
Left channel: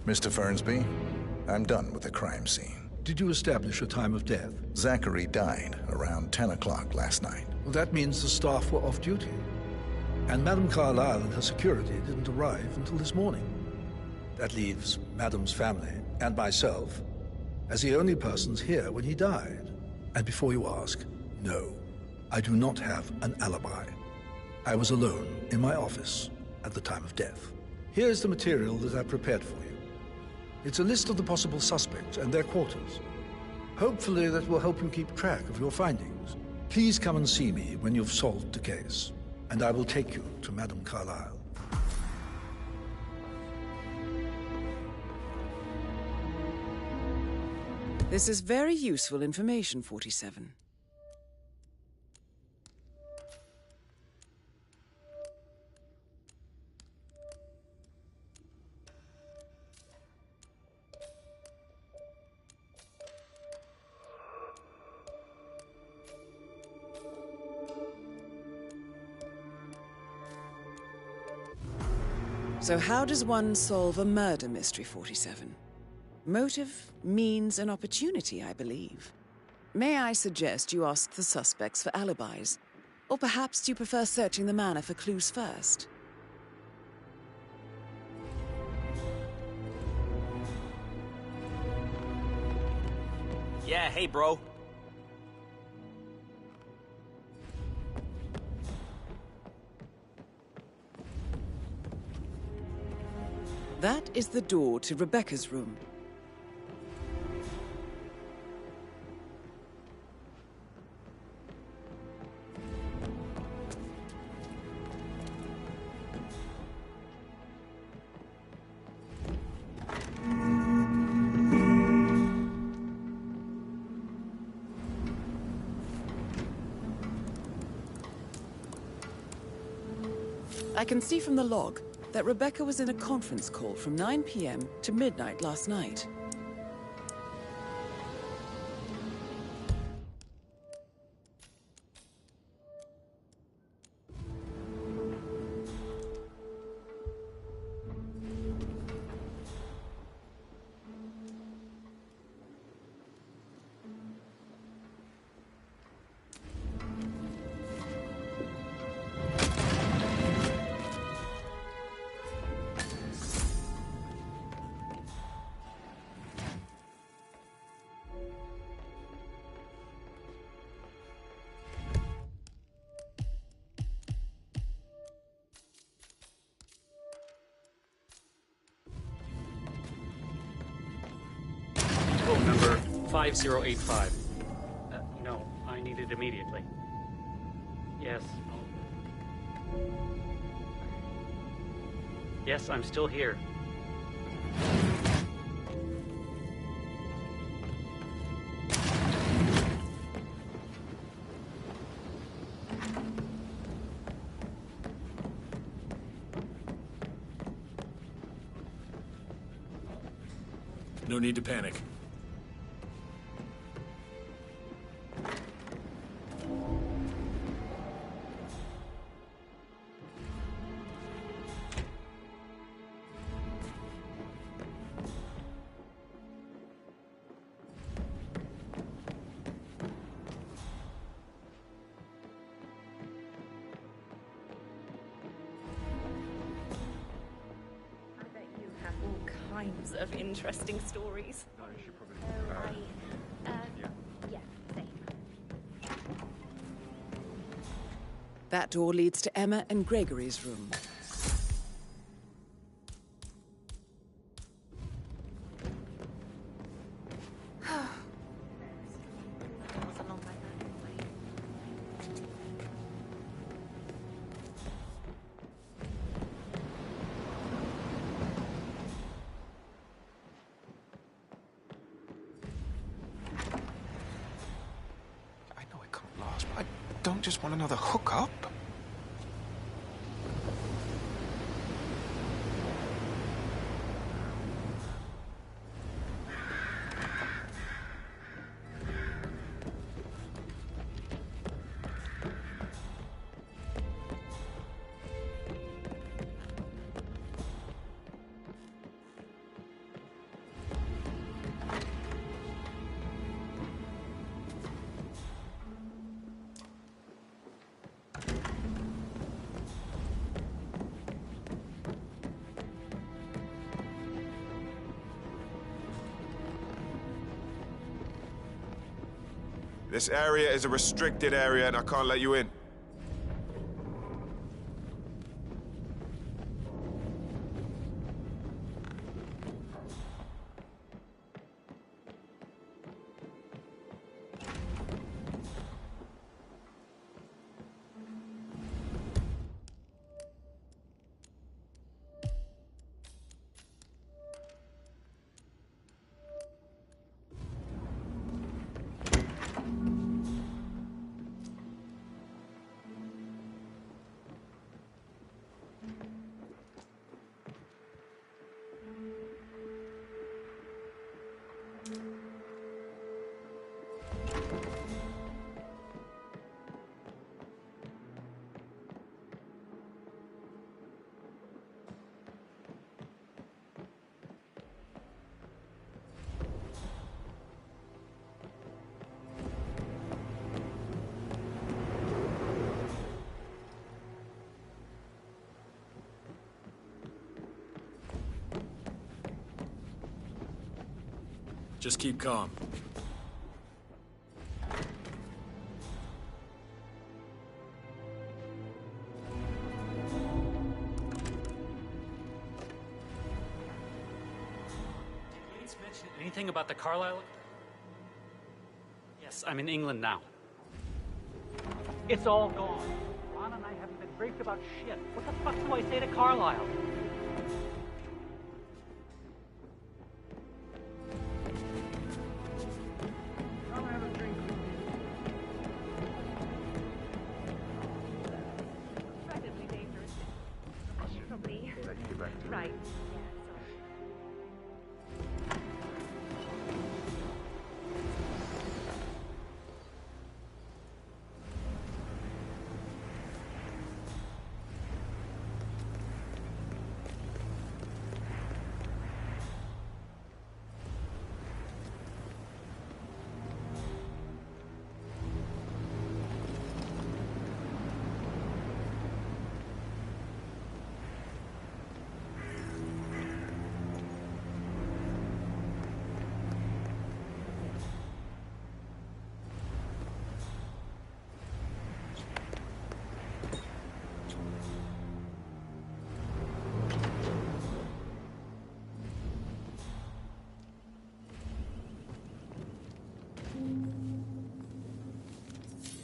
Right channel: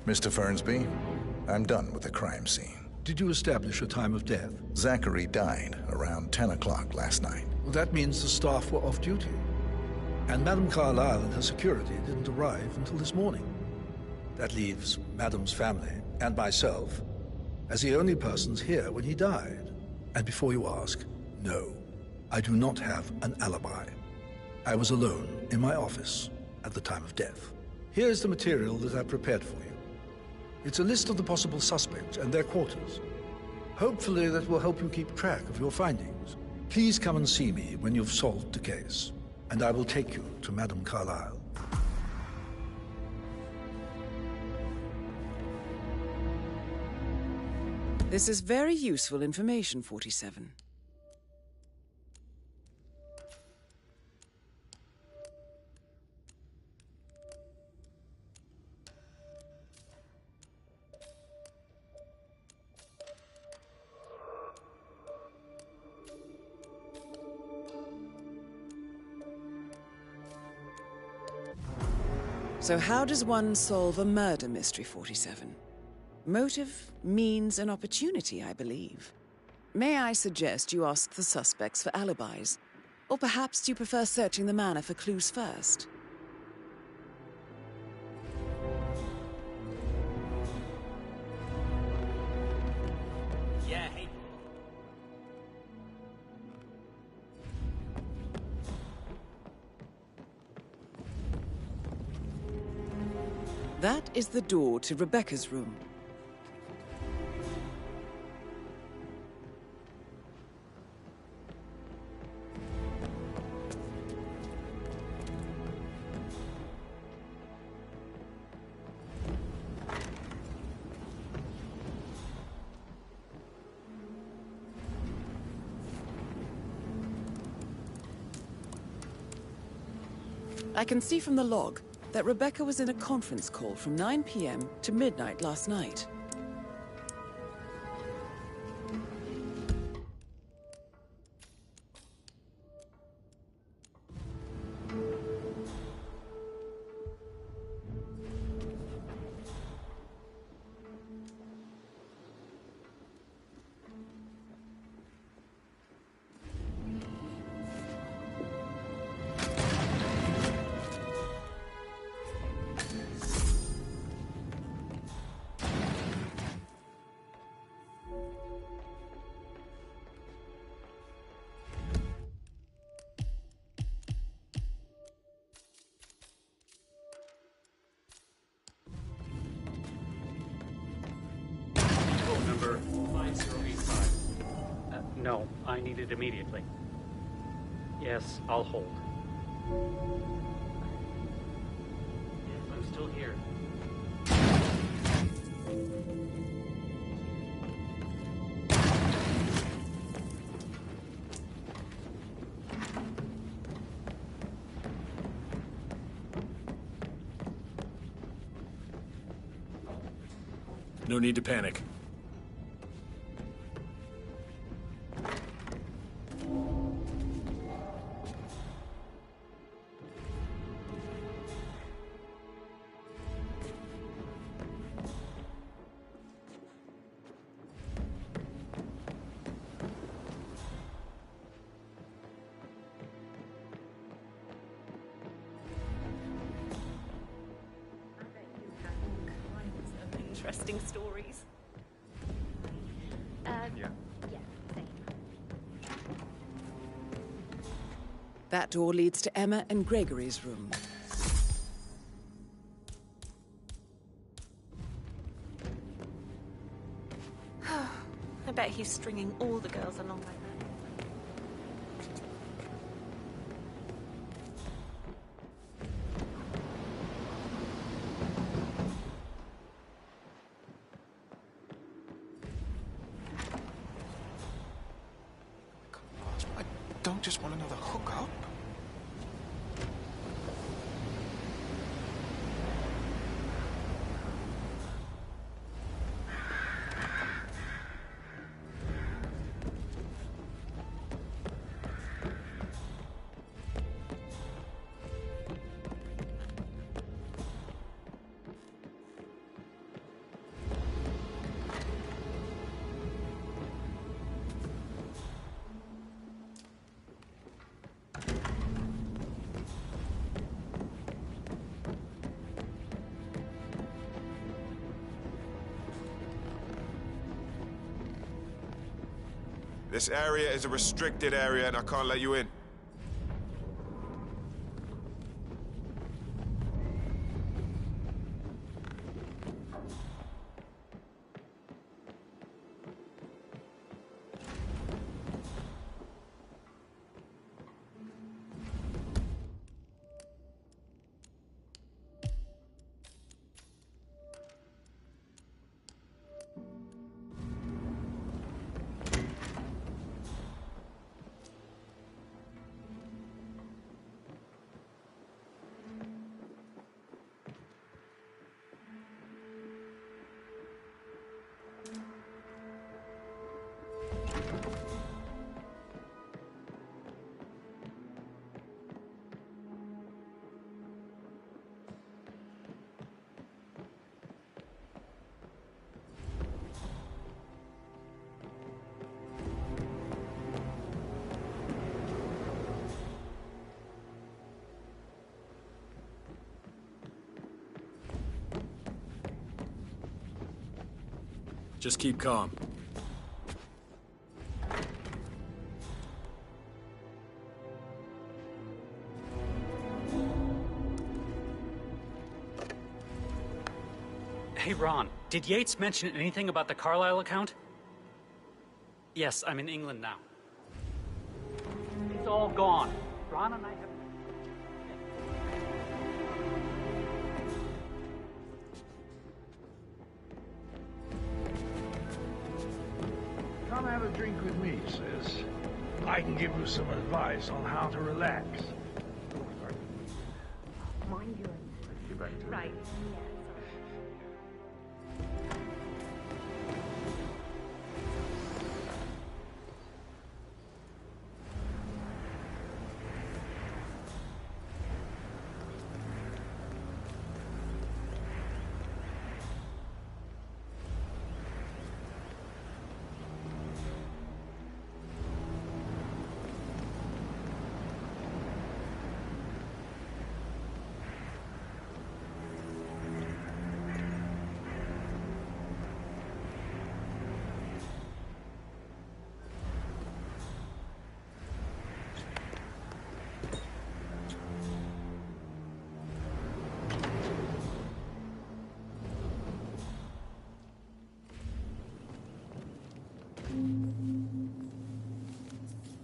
Mr. Fernsby, I'm done with the crime scene. Did you establish a time of death? Zachary died around 10 o'clock last night. Well, that means the staff were off duty. And Madame Carlyle and her security didn't arrive until this morning. That leaves Madame's family and myself as the only persons here when he died. And before you ask, no, I do not have an alibi. I was alone in my office at the time of death. Here's the material that I prepared for you. It's a list of the possible suspects and their quarters. Hopefully that will help you keep track of your findings. Please come and see me when you've solved the case, and I will take you to Madame Carlyle. This is very useful information, 47. So how does one solve a murder mystery, 47? Motive, means, and opportunity, I believe. May I suggest you ask the suspects for alibis? Or perhaps you prefer searching the manor for clues first? Yeah, hey, bro. That is the door to Rebecca's room. I can see from the log that Rebecca was in a conference call from 9 p.m. to midnight last night. Code number 5085. No, I need it immediately. Yes, I'll hold. Yes, I'm still here. No need to panic. Of interesting stories. Yeah, same. That door leads to Emma and Gregory's room. bet he's stringing all the girls along like that anyway. I know it couldn't last, but I don't just want another hookup. This area is a restricted area and I can't let you in. Just keep calm. Hey, Ron, did Yates mention anything about the Carlisle account? Yes, I'm in England now. It's all gone. Ron and I haven't been briefed about shit. What the fuck do I say to Carlisle? Come have a drink with me, sis. I can give you some advice on how to relax. Let's get back to it. Right.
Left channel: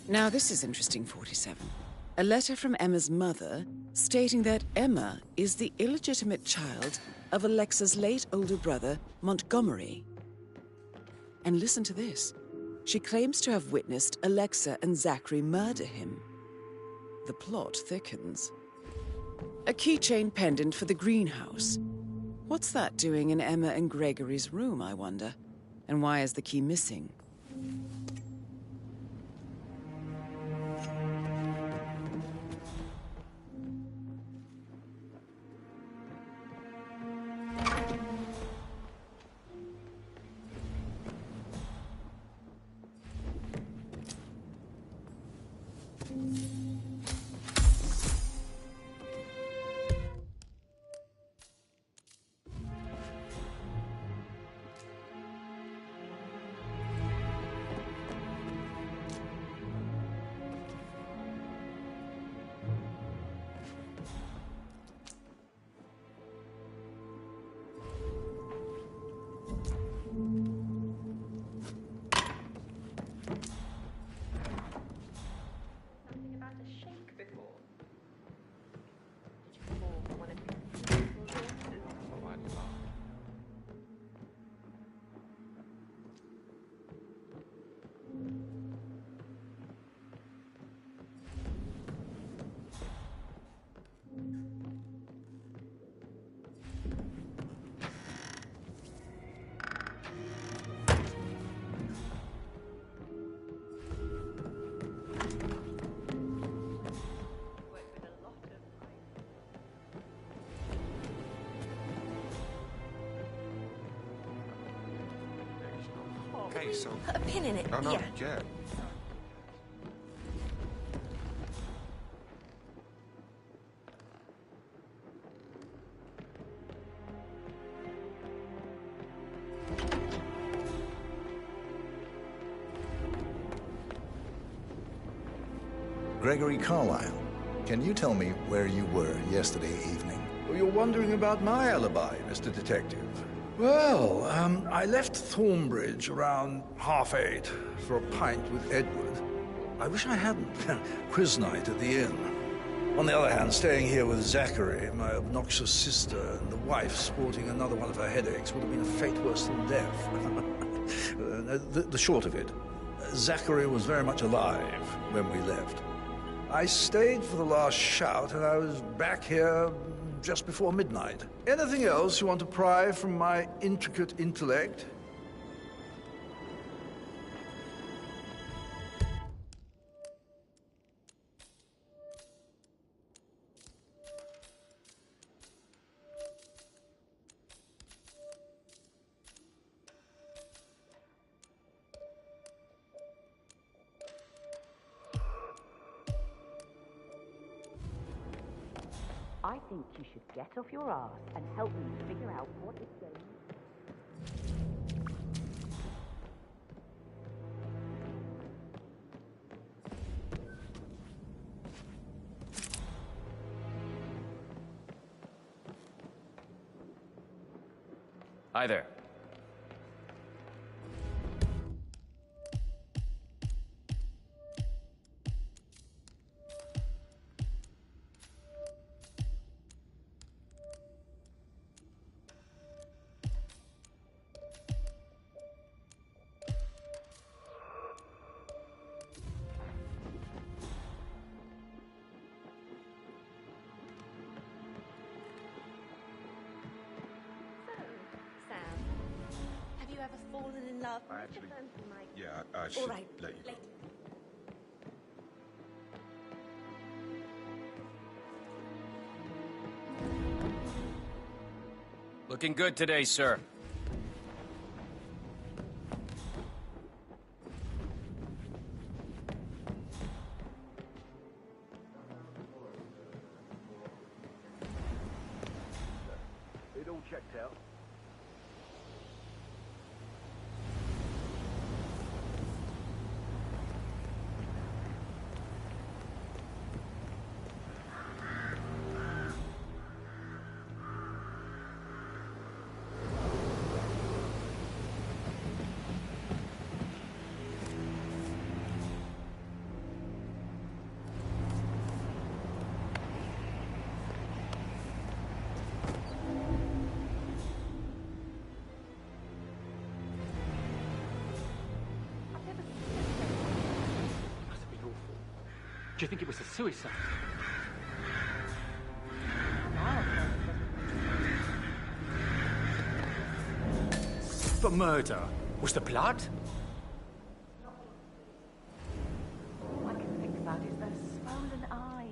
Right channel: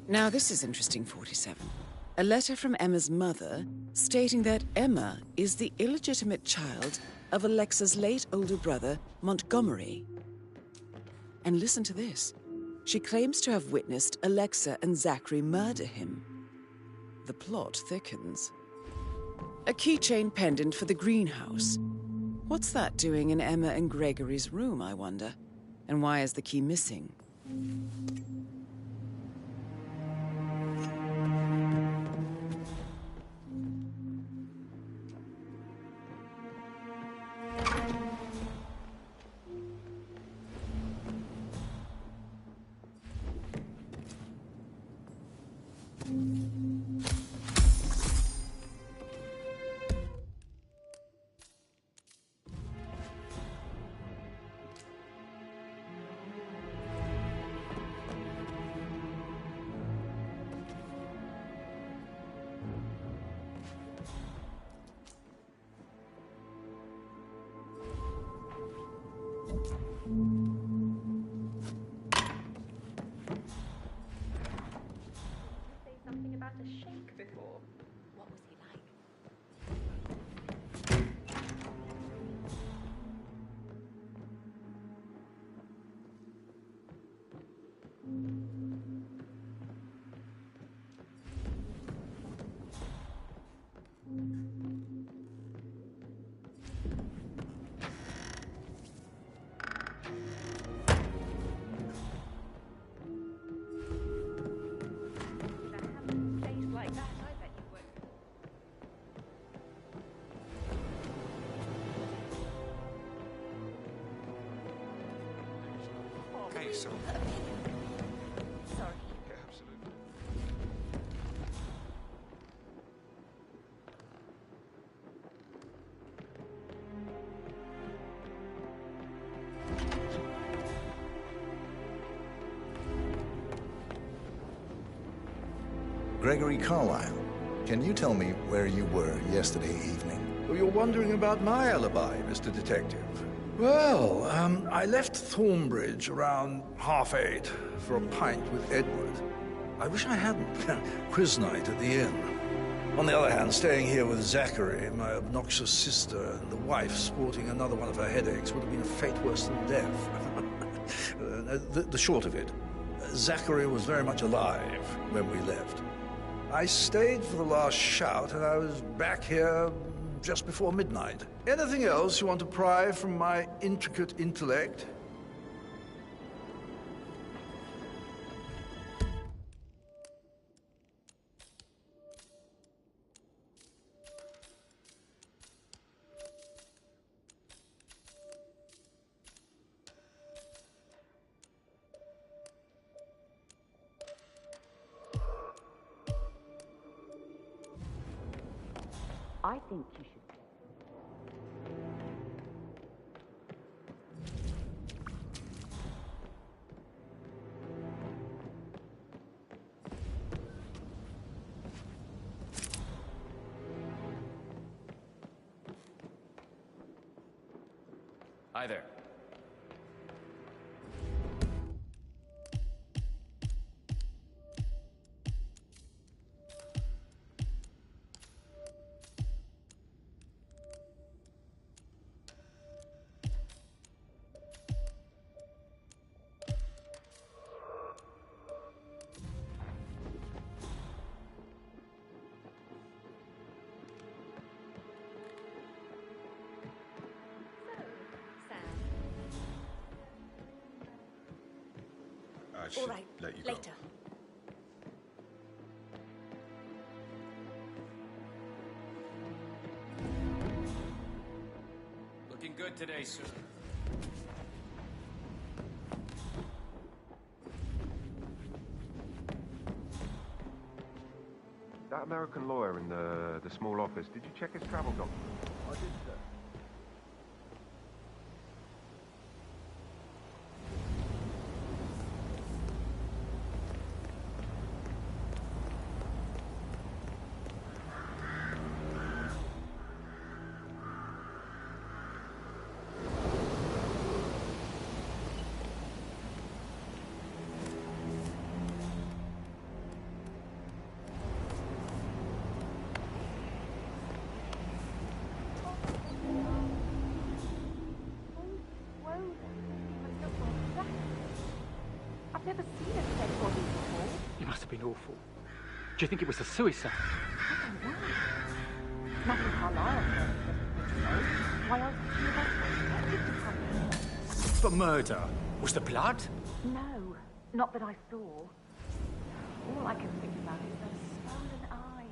Now this is interesting, 47. A letter from Emma's mother stating that Emma is the illegitimate child of Alexa's late older brother, Montgomery. And listen to this. She claims to have witnessed Alexa and Zachary murder him. The plot thickens. A keychain pendant for the greenhouse. What's that doing in Emma and Gregory's room, I wonder? And why is the key missing? Okay, so... put a pin in it. Oh, no, Yeah. yeah. Sorry. Yeah, absolutely. Gregory Carlyle, can you tell me where you were yesterday evening? Oh, you're wondering about my alibi, Mr. Detective. Well, I left Thornbridge around 8:30 for a pint with Edward. I wish I hadn't. Quiz night at the inn. On the other hand, staying here with Zachary, my obnoxious sister, and the wife sporting another one of her headaches would have been a fate worse than death. The short of it, Zachary was very much alive when we left. I stayed for the last shout, and I was back here just before midnight. Anything else you want to pry from my intricate intellect? I think you should get off your ass and help me figure out what is going on. Hi there. I should All right, let you go. later. Looking good today, sir. That American lawyer in the small office, did you check his travel documents? I did, sir. It all checked out. I've never seen a dead body. You must have been awful. Do you think it was a suicide? Nothing Carlisle says doesn't make sense. The murder? Was the blood? No, not that I saw. All I can think about is those swollen eyes.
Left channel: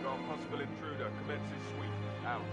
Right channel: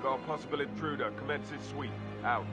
We got a possible intruder. Commence his sweep. Out.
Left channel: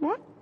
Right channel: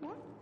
What?